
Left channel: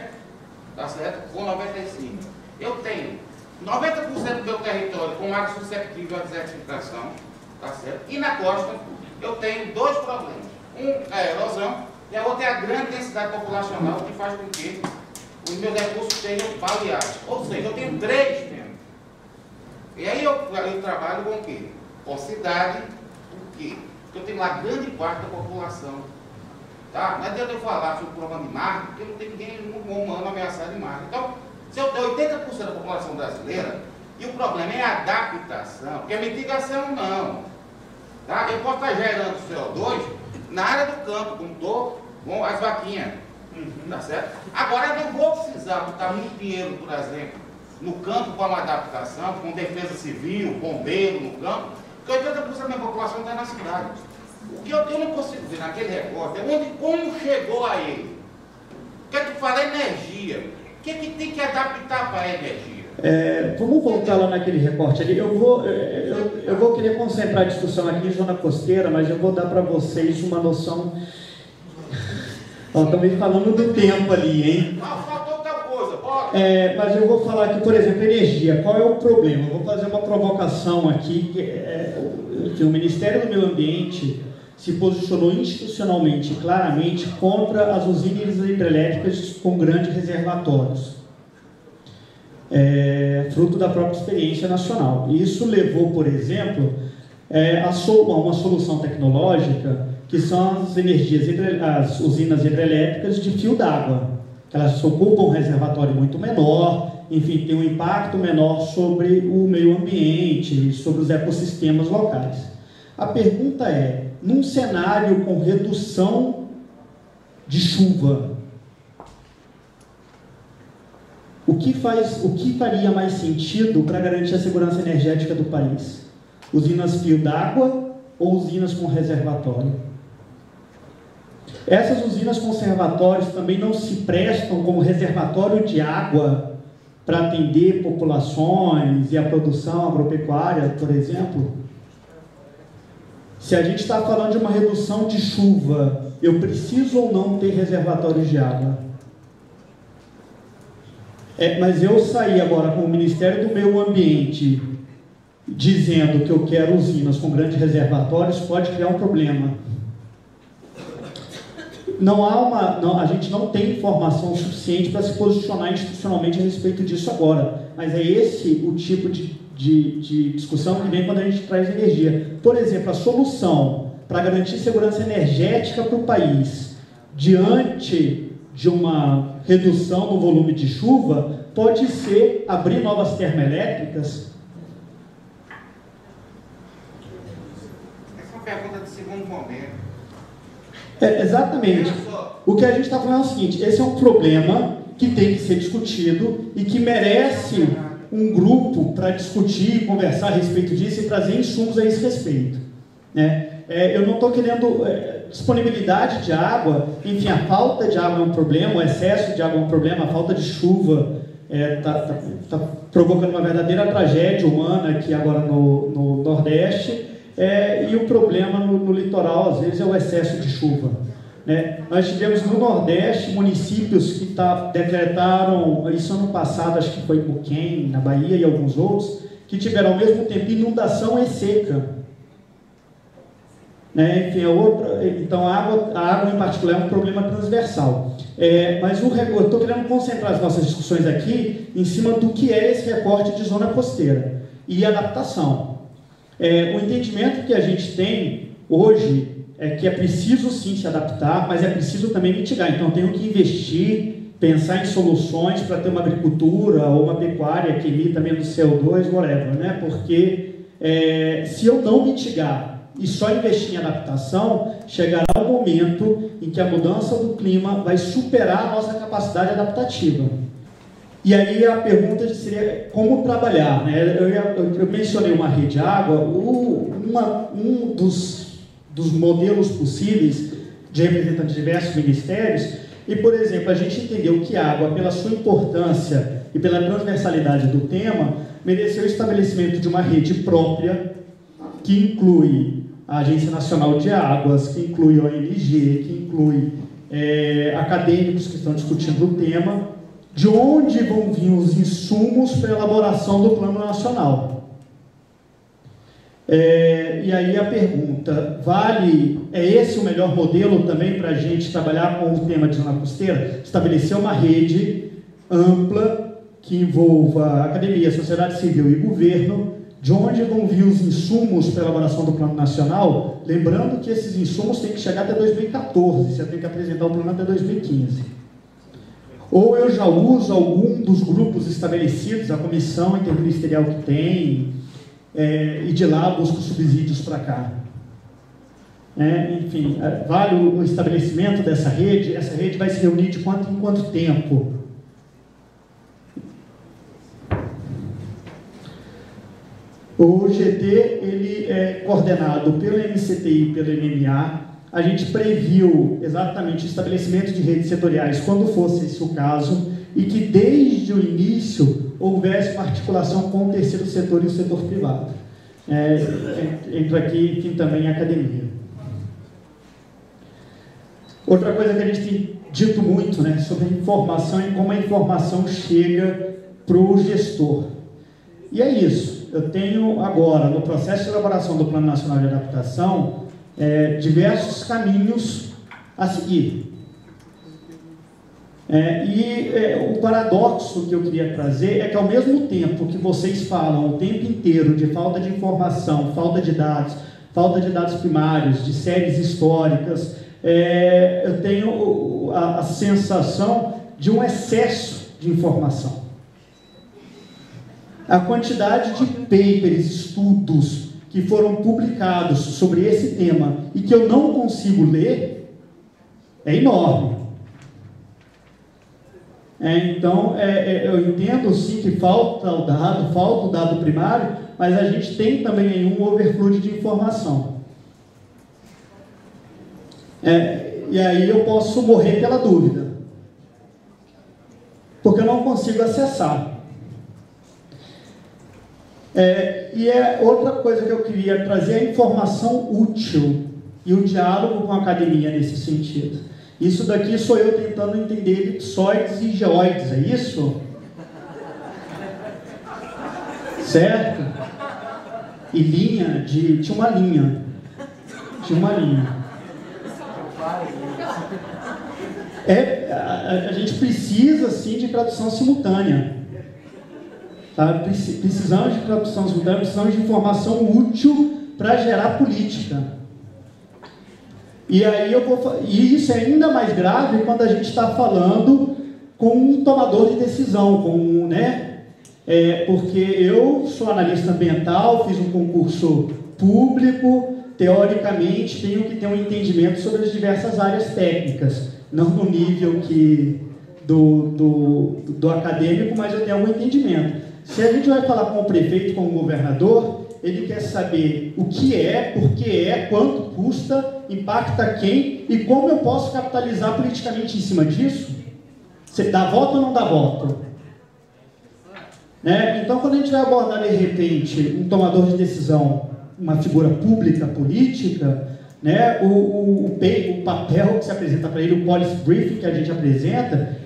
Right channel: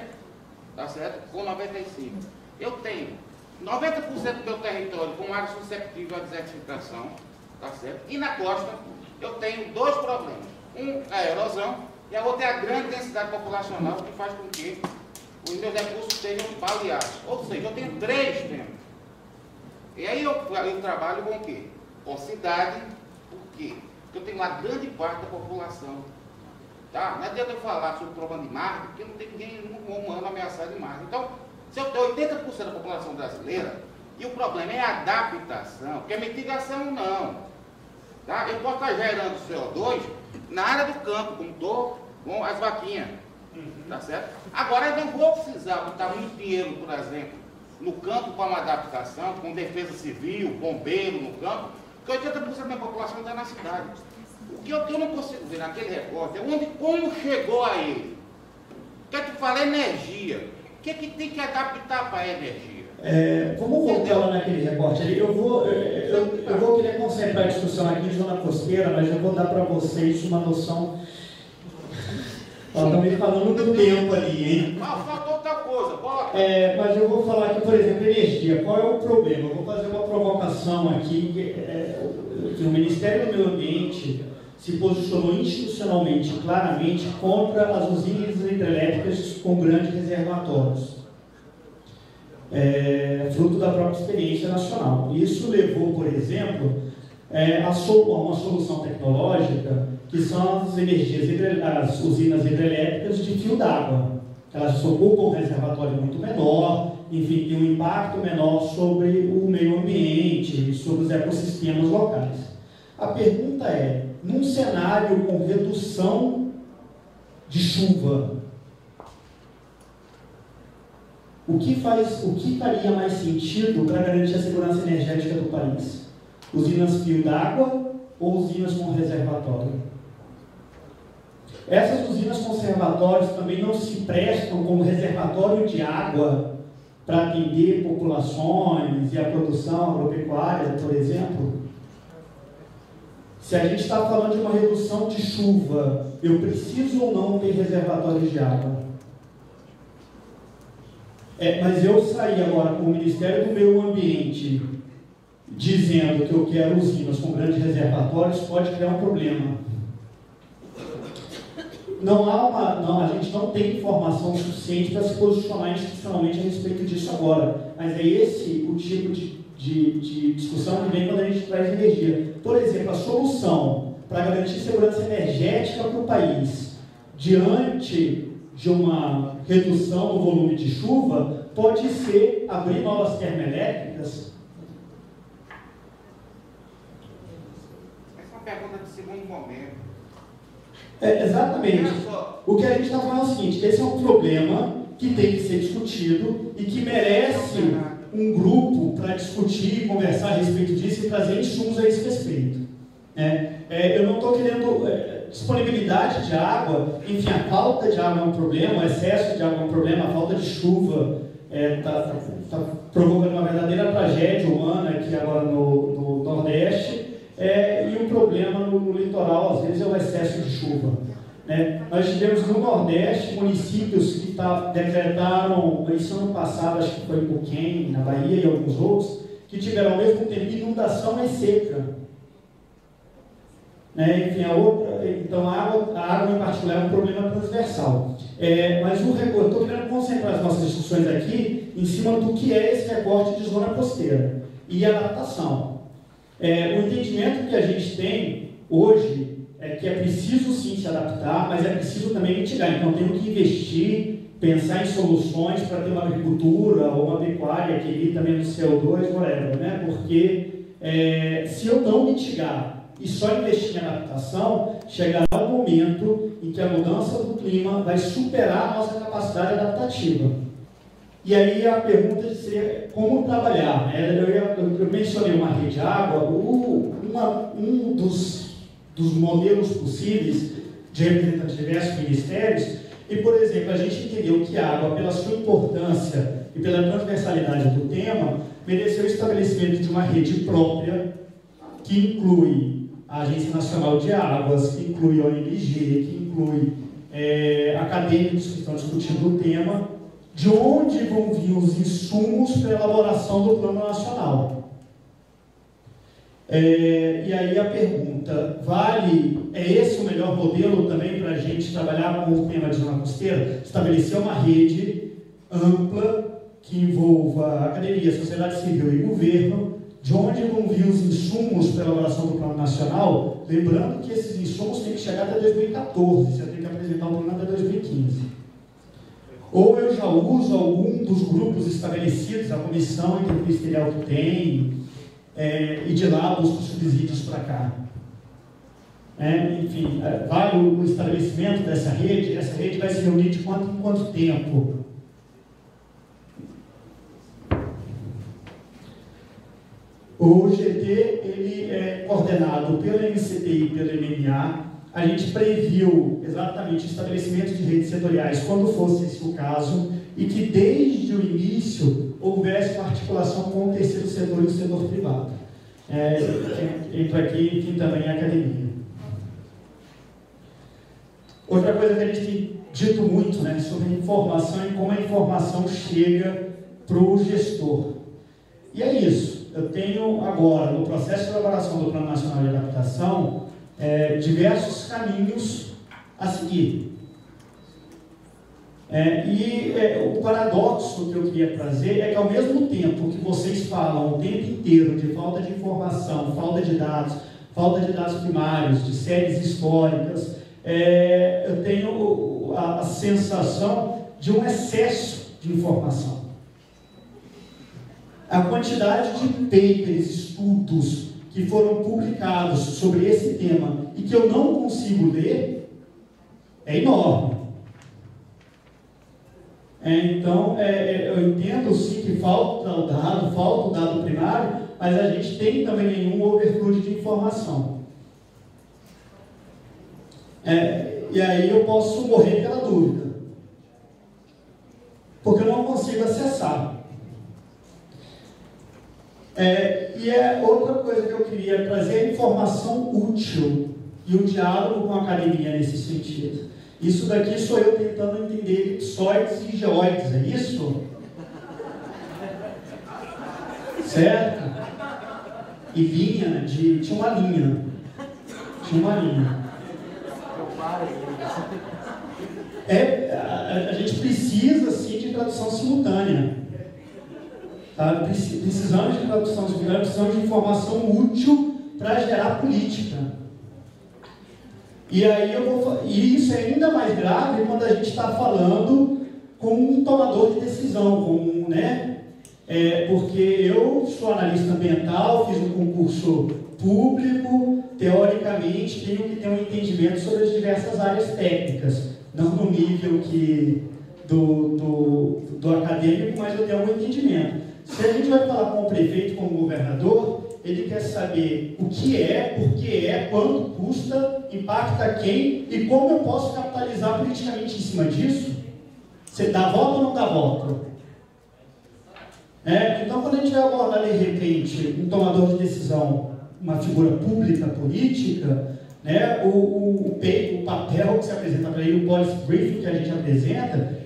tá certo? Com 95%. Eu tenho 90% do meu território com área susceptível à desertificação, tá certo? E na costa, eu tenho dois problemas. Um é a erosão, e a outra é a grande densidade populacional, que faz com que os meus recursos sejam baleados. Ou seja, eu tenho três temas. E aí eu trabalho com o quê? Com cidade, por quê? Porque eu tenho uma grande parte da população. Tá? Não adianta eu falar sobre o problema de mar, porque não tem ninguém humano ameaçado de mar. Então, se eu tenho 80% da população brasileira, e o problema é a adaptação, porque a mitigação não. Tá? Eu posso estar gerando CO2 na área do campo, como estou com as vaquinhas. Tá certo? Agora eu não vou precisar botar muito dinheiro, por exemplo, no campo para uma adaptação, com defesa civil, bombeiro no campo, Porque 80% da minha população está na cidade. O que eu não consigo ver naquele recorte é como chegou a ele. O que é que fala? Energia. O que é que tem que adaptar para a energia? Vamos voltar lá naquele recorte ali. Eu vou querer concentrar a discussão aqui em zona costeira, mas eu vou dar para vocês uma noção. Também falando do tempo ali, hein? Faltou outra coisa, bota. Mas eu vou falar aqui, por exemplo, energia. Qual é o problema? Eu vou fazer uma provocação aqui, que o Ministério do Meio Ambiente se posicionou institucionalmente, claramente, contra as usinas hidrelétricas com grandes reservatórios. Fruto da própria experiência nacional. Isso levou, por exemplo, a uma solução tecnológica que são as usinas hidrelétricas de fio d'água. Elas ocupam um reservatório muito menor, enfim, tem um impacto menor sobre o meio ambiente e sobre os ecossistemas locais. A pergunta é, num cenário com redução de chuva, o que faria mais sentido para garantir a segurança energética do país? Usinas fio d'água ou usinas com reservatório? Essas usinas com reservatórios também não se prestam como reservatório de água para atender populações e a produção agropecuária, por exemplo? Se a gente está falando de uma redução de chuva, eu preciso ou não ter reservatórios de água? Mas eu sair agora com o Ministério do Meio Ambiente dizendo que eu quero usinas com grandes reservatórios, pode criar um problema. A gente não tem informação suficiente para se posicionar institucionalmente a respeito disso agora, mas é esse o tipo de discussão que vem quando a gente traz energia. Por exemplo, a solução para garantir segurança energética para o país diante de uma redução no volume de chuva pode ser abrir novas termoelétricas. Essa é uma pergunta de segundo momento. Exatamente. O que a gente está falando é o seguinte, esse é um problema que tem que ser discutido e que merece um grupo para discutir e conversar a respeito disso e trazer insumos a esse respeito. Eu não estou querendo disponibilidade de água, enfim, a falta de água é um problema, o excesso de água é um problema, a falta de chuva está provocando uma verdadeira tragédia humana aqui agora no Nordeste, e o problema no litoral, às vezes, é o excesso de chuva. Nós tivemos no Nordeste municípios que decretaram, isso ano passado, acho que foi em Buquém, na Bahia e alguns outros, que tiveram ao mesmo tempo inundação e seca. Enfim, então a água em particular é um problema transversal. Mas eu estou querendo concentrar as nossas discussões aqui em cima do que é esse recorte de zona costeira e adaptação. O entendimento que a gente tem hoje é que é preciso sim se adaptar, mas é preciso também mitigar. Então temos que investir, pensar em soluções para ter uma agricultura ou uma pecuária que emita menos CO2, whatever, porque se eu não mitigar e só investir em adaptação, chegará o momento em que a mudança do clima vai superar a nossa capacidade adaptativa. E aí a pergunta seria como trabalhar. Eu mencionei uma rede de água, um dos modelos possíveis de representantes de diversos ministérios, e, por exemplo, a gente entendeu que a água, pela sua importância e pela transversalidade do tema, mereceu o estabelecimento de uma rede própria, que inclui a Agência Nacional de Águas, que inclui a ONG, que inclui acadêmicos que estão discutindo o tema, de onde vão vir os insumos para a elaboração do Plano Nacional. E aí a pergunta, é esse o melhor modelo também para a gente trabalhar com o tema de zona costeira? Estabelecer uma rede ampla que envolva a academia, a sociedade civil e governo, de onde vão vir os insumos para a elaboração do Plano Nacional, lembrando que esses insumos têm que chegar até 2014, você tem que apresentar o plano até 2015. Ou eu já uso algum dos grupos estabelecidos, a comissão interministerial que tem, e de lá busco subsídios para cá. Enfim, vale o estabelecimento dessa rede? Essa rede vai se reunir de quanto em quanto tempo? O GT ele é coordenado pelo MCTI e pelo MMA. A gente previu exatamente o estabelecimento de redes setoriais quando fosse esse o caso e que desde o início houvesse uma articulação com o terceiro setor e o setor privado. Entra aqui, enfim, também a academia. Outra coisa que a gente tem dito muito, né, sobre informação e como a informação chega para o gestor. E é isso. Eu tenho agora, no processo de elaboração do Plano Nacional de Adaptação, diversos caminhos a seguir. O paradoxo que eu queria trazer é que, ao mesmo tempo que vocês falam o tempo inteiro de falta de informação, falta de dados primários, de séries históricas, eu tenho a sensação de um excesso de informação. A quantidade de papers, estudos que foram publicados sobre esse tema e que eu não consigo ler é enorme. Então, eu entendo sim que falta o dado primário, mas a gente tem também um overflow de informação. E aí eu posso morrer pela dúvida, porque eu não consigo acessar. Outra coisa que eu queria trazer é a informação útil e o diálogo com a academia nesse sentido. Isso daqui sou eu tentando entender elipsoides e geoides, é isso? Certo? E linha, tinha uma linha. A gente precisa, sim, de tradução simultânea. Tá? Precisamos de tradução simultânea, precisamos de informação útil para gerar política. E aí e isso é ainda mais grave quando a gente está falando com um tomador de decisão, porque eu sou analista ambiental, fiz um concurso público, teoricamente tenho que ter um entendimento sobre as diversas áreas técnicas, não no nível do acadêmico, mas eu tenho algum entendimento. Se a gente vai falar com o prefeito, com o governador, ele quer saber o que por que quanto custa, impacta quem e como eu posso capitalizar politicamente em cima disso. Você dá voto ou não dá voto? Então, quando a gente vai abordar, de repente, um tomador de decisão, uma figura pública, política, o papel que se apresenta para ele, o policy briefing que a gente apresenta,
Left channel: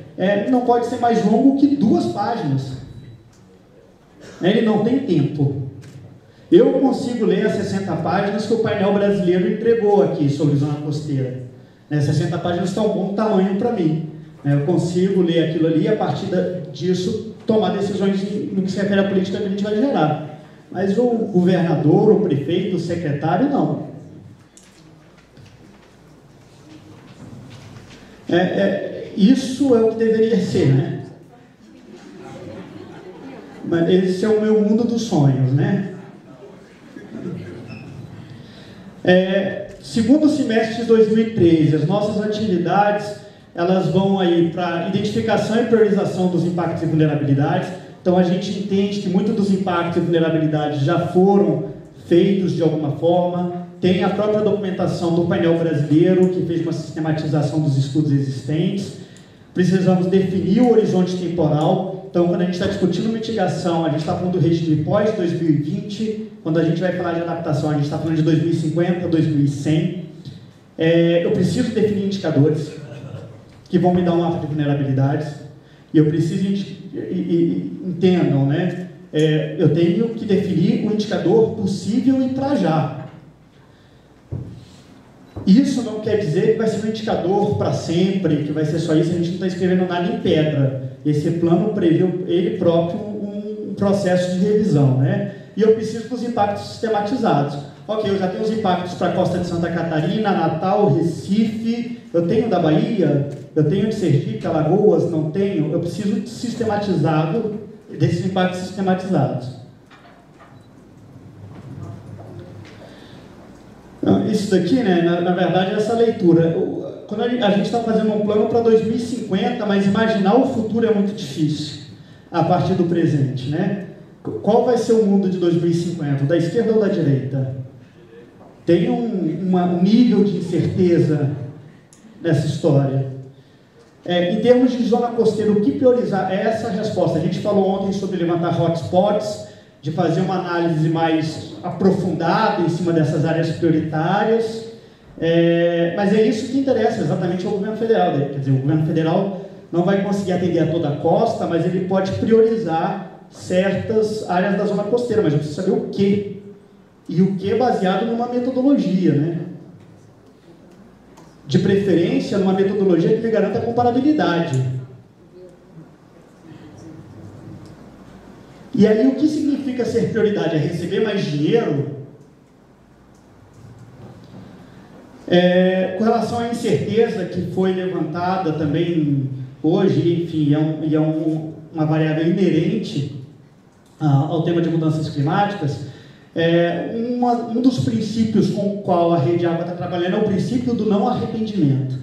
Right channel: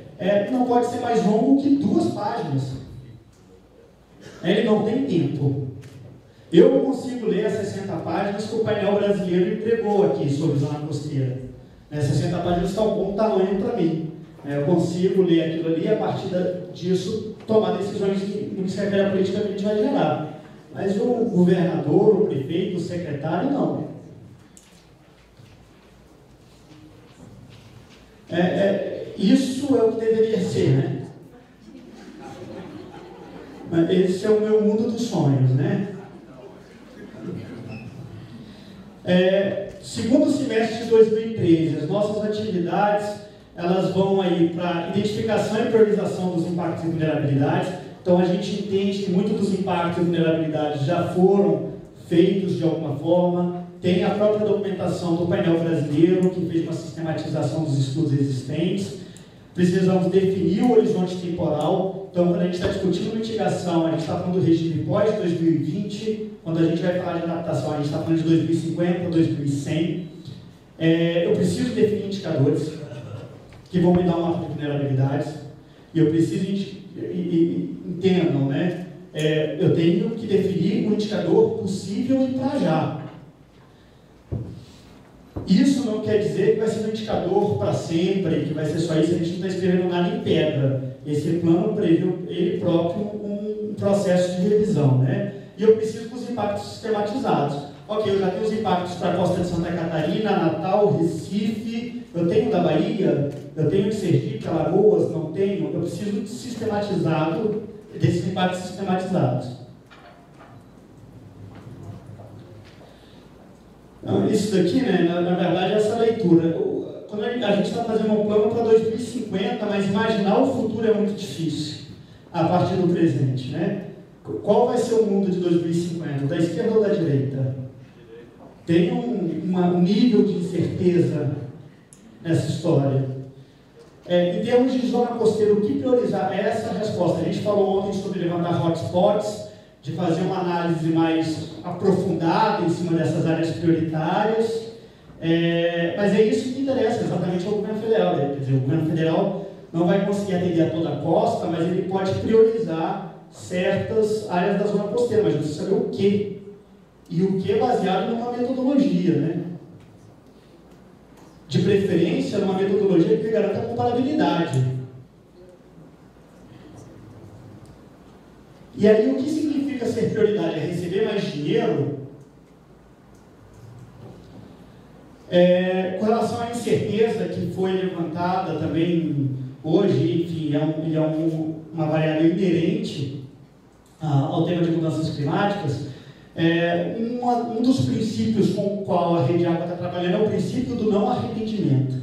não pode ser mais longo que 2 páginas. Ele não tem tempo. Eu consigo ler as 60 páginas que o painel brasileiro entregou aqui sobre zona costeira. 60 páginas está um bom tamanho para mim. Eu consigo ler aquilo ali e, a partir disso, tomar decisões no que se refere à política que a gente vai gerar. Mas o governador, o prefeito, o secretário, não. Isso é o que deveria ser, né? Mas esse é o meu mundo dos sonhos, né? Segundo semestre de 2013, as nossas atividades elas vão aí para identificação e priorização dos impactos e vulnerabilidades. Então a gente entende que muitos dos impactos e vulnerabilidades já foram feitos de alguma forma. Tem a própria documentação do painel brasileiro, que fez uma sistematização dos estudos existentes. Precisamos definir o horizonte temporal. Então, quando a gente está discutindo mitigação, a gente está falando do regime pós-2020. Quando a gente vai falar de adaptação, a gente está falando de 2050 a 2100. Eu preciso definir indicadores que vão me dar um mapa de vulnerabilidades. E eu preciso, entendam, né? Eu tenho que definir um indicador possível e para já. Isso não quer dizer que vai ser um indicador para sempre, que vai ser só isso, a gente não está escrevendo nada em pedra. Esse plano prevê ele próprio um processo de revisão, né? E eu preciso dos impactos sistematizados. Ok, eu já tenho os impactos para a costa de Santa Catarina, Natal, Recife, eu tenho da Bahia, eu tenho de Sergipe, Alagoas, não tenho, eu preciso de sistematizado, desses impactos sistematizados. Então, isso daqui, né, na verdade, é essa leitura. Quando a gente está fazendo um plano para 2050, mas imaginar o futuro é muito difícil, a partir do presente, né? Qual vai ser o mundo de 2050? Da esquerda ou da direita? Tem um nível de incerteza nessa história. Em termos de zona costeira, o que priorizar? É essa a resposta. A gente falou ontem sobre levantar hotspots, de fazer uma análise mais aprofundada em cima dessas áreas prioritárias. Mas é isso que interessa exatamente ao governo federal. Quer dizer, o governo federal não vai conseguir atender a toda a costa, mas ele pode priorizar certas áreas da zona costeira, mas precisa saber o quê. E o que baseado numa metodologia, né? De preferência, numa metodologia que me garanta a comparabilidade. E aí, o que significa ser prioridade? É receber mais dinheiro? Com relação à incerteza que foi levantada também hoje, enfim, é uma variável inerente ao tema de mudanças climáticas. Um dos princípios com o qual a Rede Água está trabalhando é o princípio do não arrependimento.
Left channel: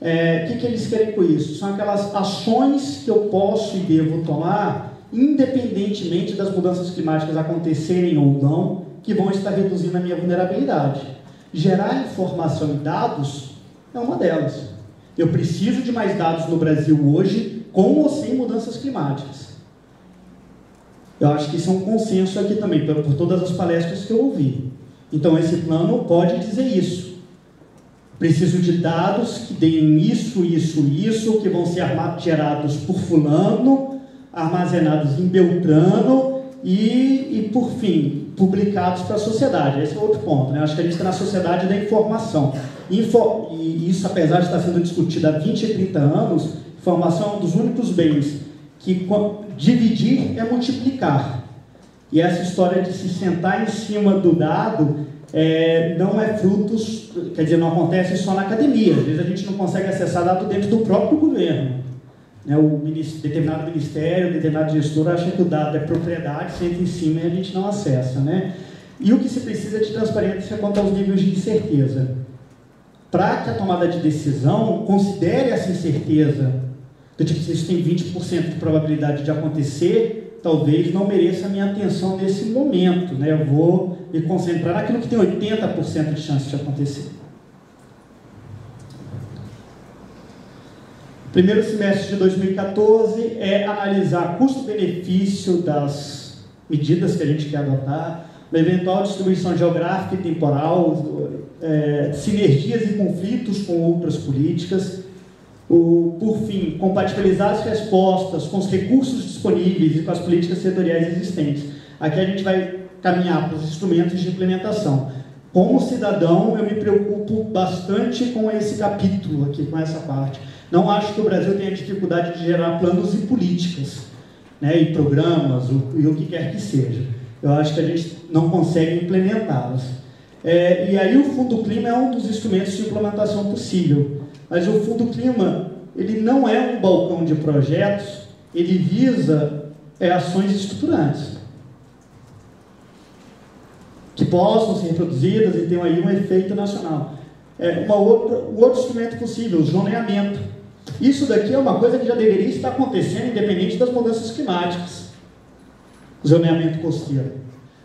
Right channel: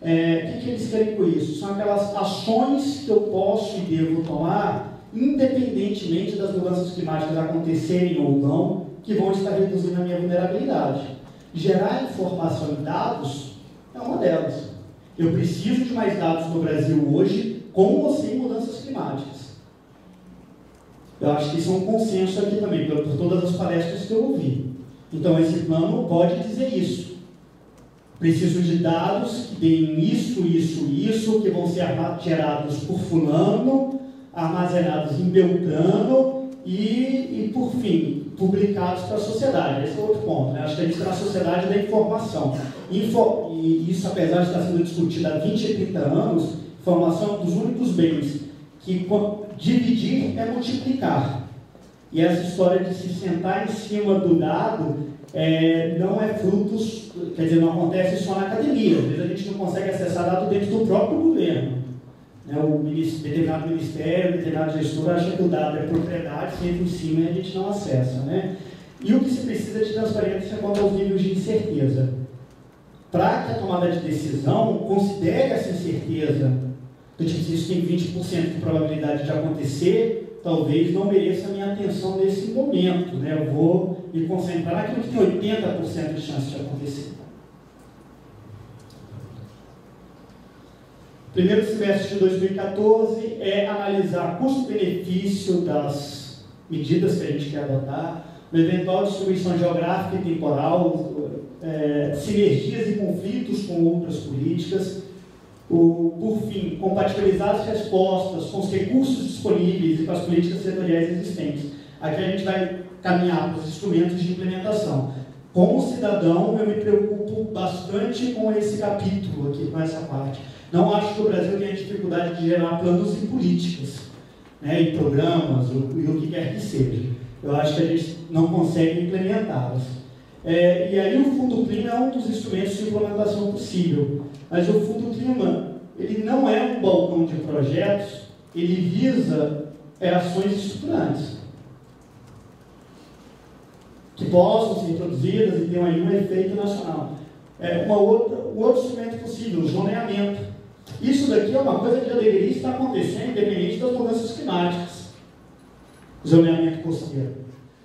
O que eles querem com isso? São aquelas ações que eu posso e devo tomar, independentemente das mudanças climáticas acontecerem ou não, que vão estar reduzindo a minha vulnerabilidade. Gerar informação e dados é uma delas. Eu preciso de mais dados no Brasil hoje, com ou sem mudanças climáticas. Eu acho que isso é um consenso aqui também, por todas as palestras que eu ouvi. Então, esse plano pode dizer isso. Preciso de dados que deem isso, que vão ser gerados por fulano, armazenados em Beltrano e por fim, publicados para a sociedade. Esse é outro ponto, né? Acho que a gente está na sociedade da informação. E isso, apesar de estar sendo discutido há 20 e 30 anos, informação é um dos únicos bens que dividir é multiplicar. E essa história de se sentar em cima do dado não é frutos, quer dizer, não acontece só na academia. Às vezes a gente não consegue acessar dado dentro do próprio governo. Determinado ministério, determinado gestor acha que o dado é propriedade, senta em cima e a gente não acessa, né? E o que se precisa é de transparência quanto aos níveis de incerteza. Para que a tomada de decisão considere essa incerteza, do tipo, se isso tem 20% de probabilidade de acontecer, talvez não mereça a minha atenção nesse momento, né? Eu vou me concentrar naquilo que tem 80% de chance de acontecer. Primeiro semestre de 2014 é analisar custo-benefício das medidas que a gente quer adotar, a eventual distribuição geográfica e temporal, sinergias e conflitos com outras políticas, por fim, compatibilizar as respostas com os recursos disponíveis e com as políticas setoriais existentes. Aqui a gente vai caminhar para os instrumentos de implementação. Como cidadão, eu me preocupo bastante com esse capítulo aqui, com essa parte. Não acho que o Brasil tenha dificuldade de gerar planos e políticas, né, e programas, e o que quer que seja. Eu acho que a gente não consegue implementá-las. E aí o Fundo Clima é um dos instrumentos de implementação possível. Mas o Fundo Clima, ele não é um balcão de projetos, ele visa ações estruturantes, que possam ser reproduzidas e tenham aí um efeito nacional. Um outro instrumento possível, o zoneamento. Isso daqui é uma coisa que já deveria estar acontecendo, independente das mudanças climáticas. Zoneamento costeiro.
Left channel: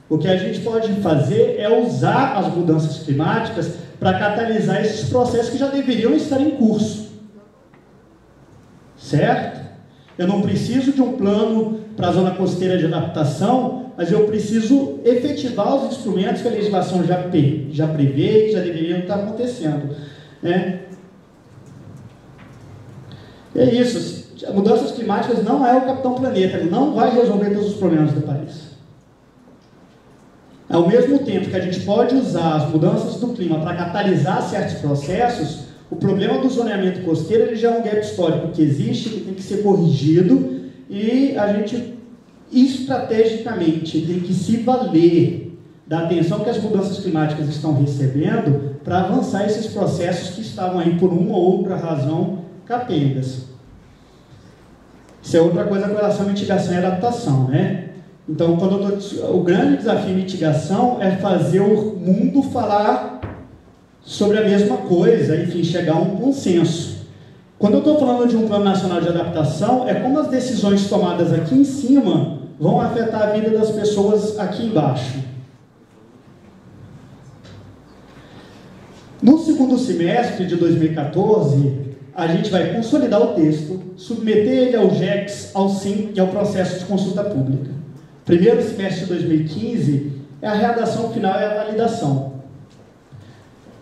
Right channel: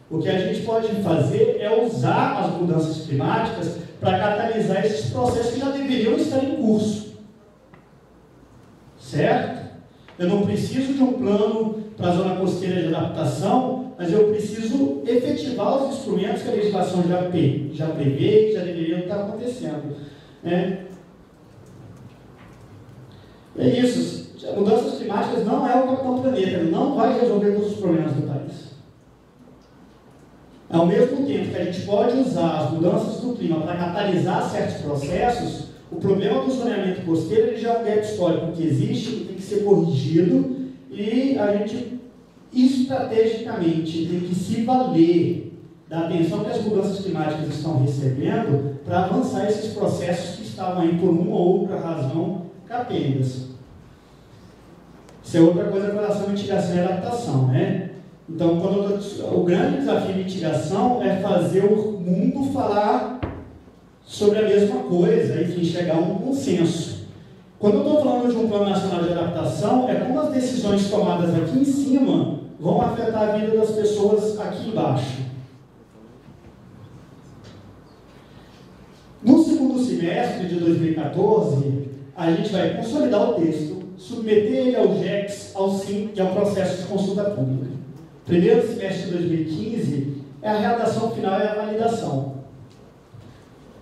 O que a gente pode fazer é usar as mudanças climáticas para catalisar esses processos que já deveriam estar em curso. Certo? Eu não preciso de um plano para a zona costeira de adaptação, mas eu preciso efetivar os instrumentos que a legislação já prevê, que já deveriam estar acontecendo. Né? É isso. Mudanças climáticas não é o Capitão Planeta, ele não vai resolver todos os problemas do país. Ao mesmo tempo que a gente pode usar as mudanças do clima para catalisar certos processos, o problema do zoneamento costeiro ele já é um gap histórico que existe, que tem que ser corrigido, e a gente estrategicamente tem que se valer da atenção que as mudanças climáticas estão recebendo para avançar esses processos que estavam aí por uma ou outra razão capengas. Isso é outra coisa com relação à mitigação e adaptação, né? Então, o grande desafio de mitigação é fazer o mundo falar sobre a mesma coisa, enfim, chegar a um consenso. Quando eu estou falando de um Plano Nacional de Adaptação, é como as decisões tomadas aqui em cima vão afetar a vida das pessoas aqui embaixo. No segundo semestre de 2014, a gente vai consolidar o texto, submeter ele ao GECS, ao SIM, que é o processo de consulta pública. Primeiro semestre de 2015, a redação final e a validação.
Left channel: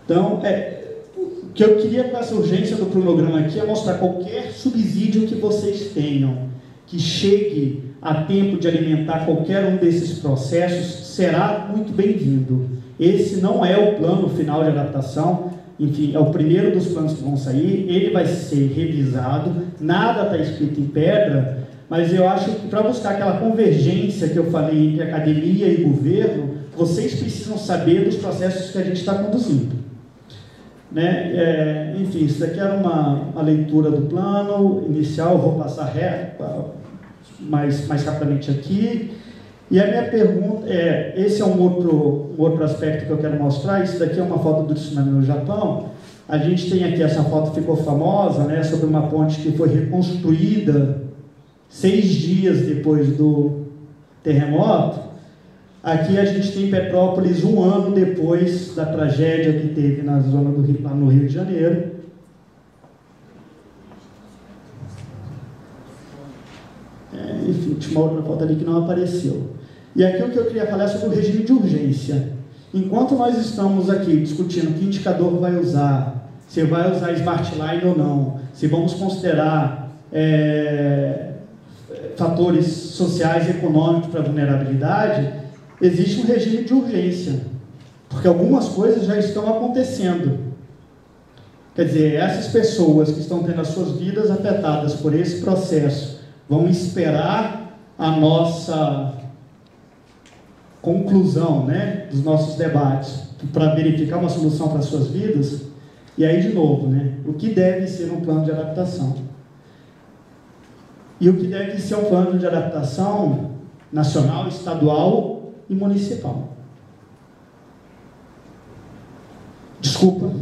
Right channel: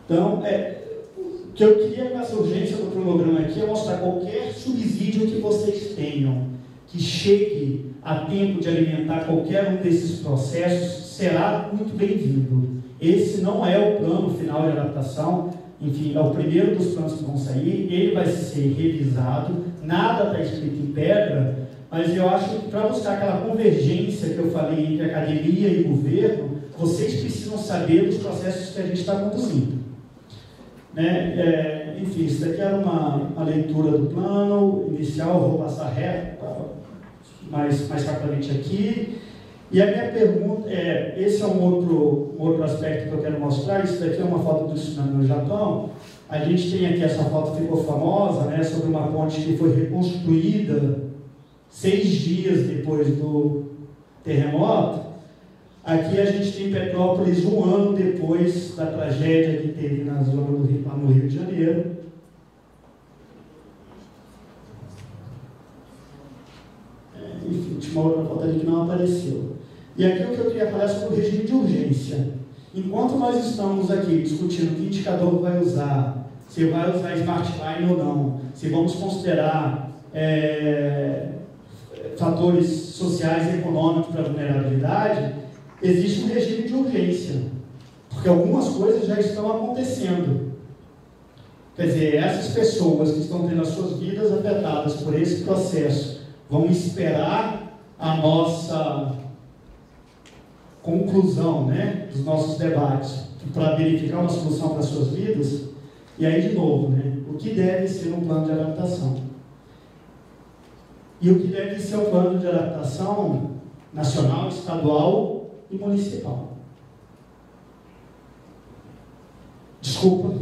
Então, o que eu queria com essa urgência do cronograma aqui é mostrar qualquer subsídio que vocês tenham, que chegue a tempo de alimentar qualquer um desses processos, será muito bem-vindo. Esse não é o plano final de adaptação, enfim, é o primeiro dos planos que vão sair, ele vai ser revisado, nada está escrito em pedra, mas eu acho que para buscar aquela convergência que eu falei entre academia e governo, vocês precisam saber dos processos que a gente está conduzindo. Né? Enfim, isso daqui era uma leitura do plano inicial, vou passar mais rapidamente aqui. E a minha pergunta esse é um outro aspecto que eu quero mostrar. Isso daqui é uma foto do tsunami no Japão. A gente tem aqui, essa foto ficou famosa, né, sobre uma ponte que foi reconstruída 6 dias depois do terremoto. Aqui a gente tem Petrópolis 1 ano depois da tragédia que teve na zona do Rio, lá no Rio de Janeiro. Enfim, tinha uma outra foto ali que não apareceu. E aqui o que eu queria falar é sobre o regime de urgência. Enquanto nós estamos aqui discutindo que indicador vai usar, se vai usar Smart Line ou não, se vamos considerar fatores sociais e econômicos para a vulnerabilidade, existe um regime de urgência, porque algumas coisas já estão acontecendo. Quer dizer, essas pessoas que estão tendo as suas vidas afetadas por esse processo vão esperar a nossa conclusão, né, dos nossos debates para verificar uma solução para as suas vidas. E aí, de novo, né, o que deve ser um plano de adaptação? E o que deve ser um plano de adaptação nacional, estadual e municipal? Desculpa.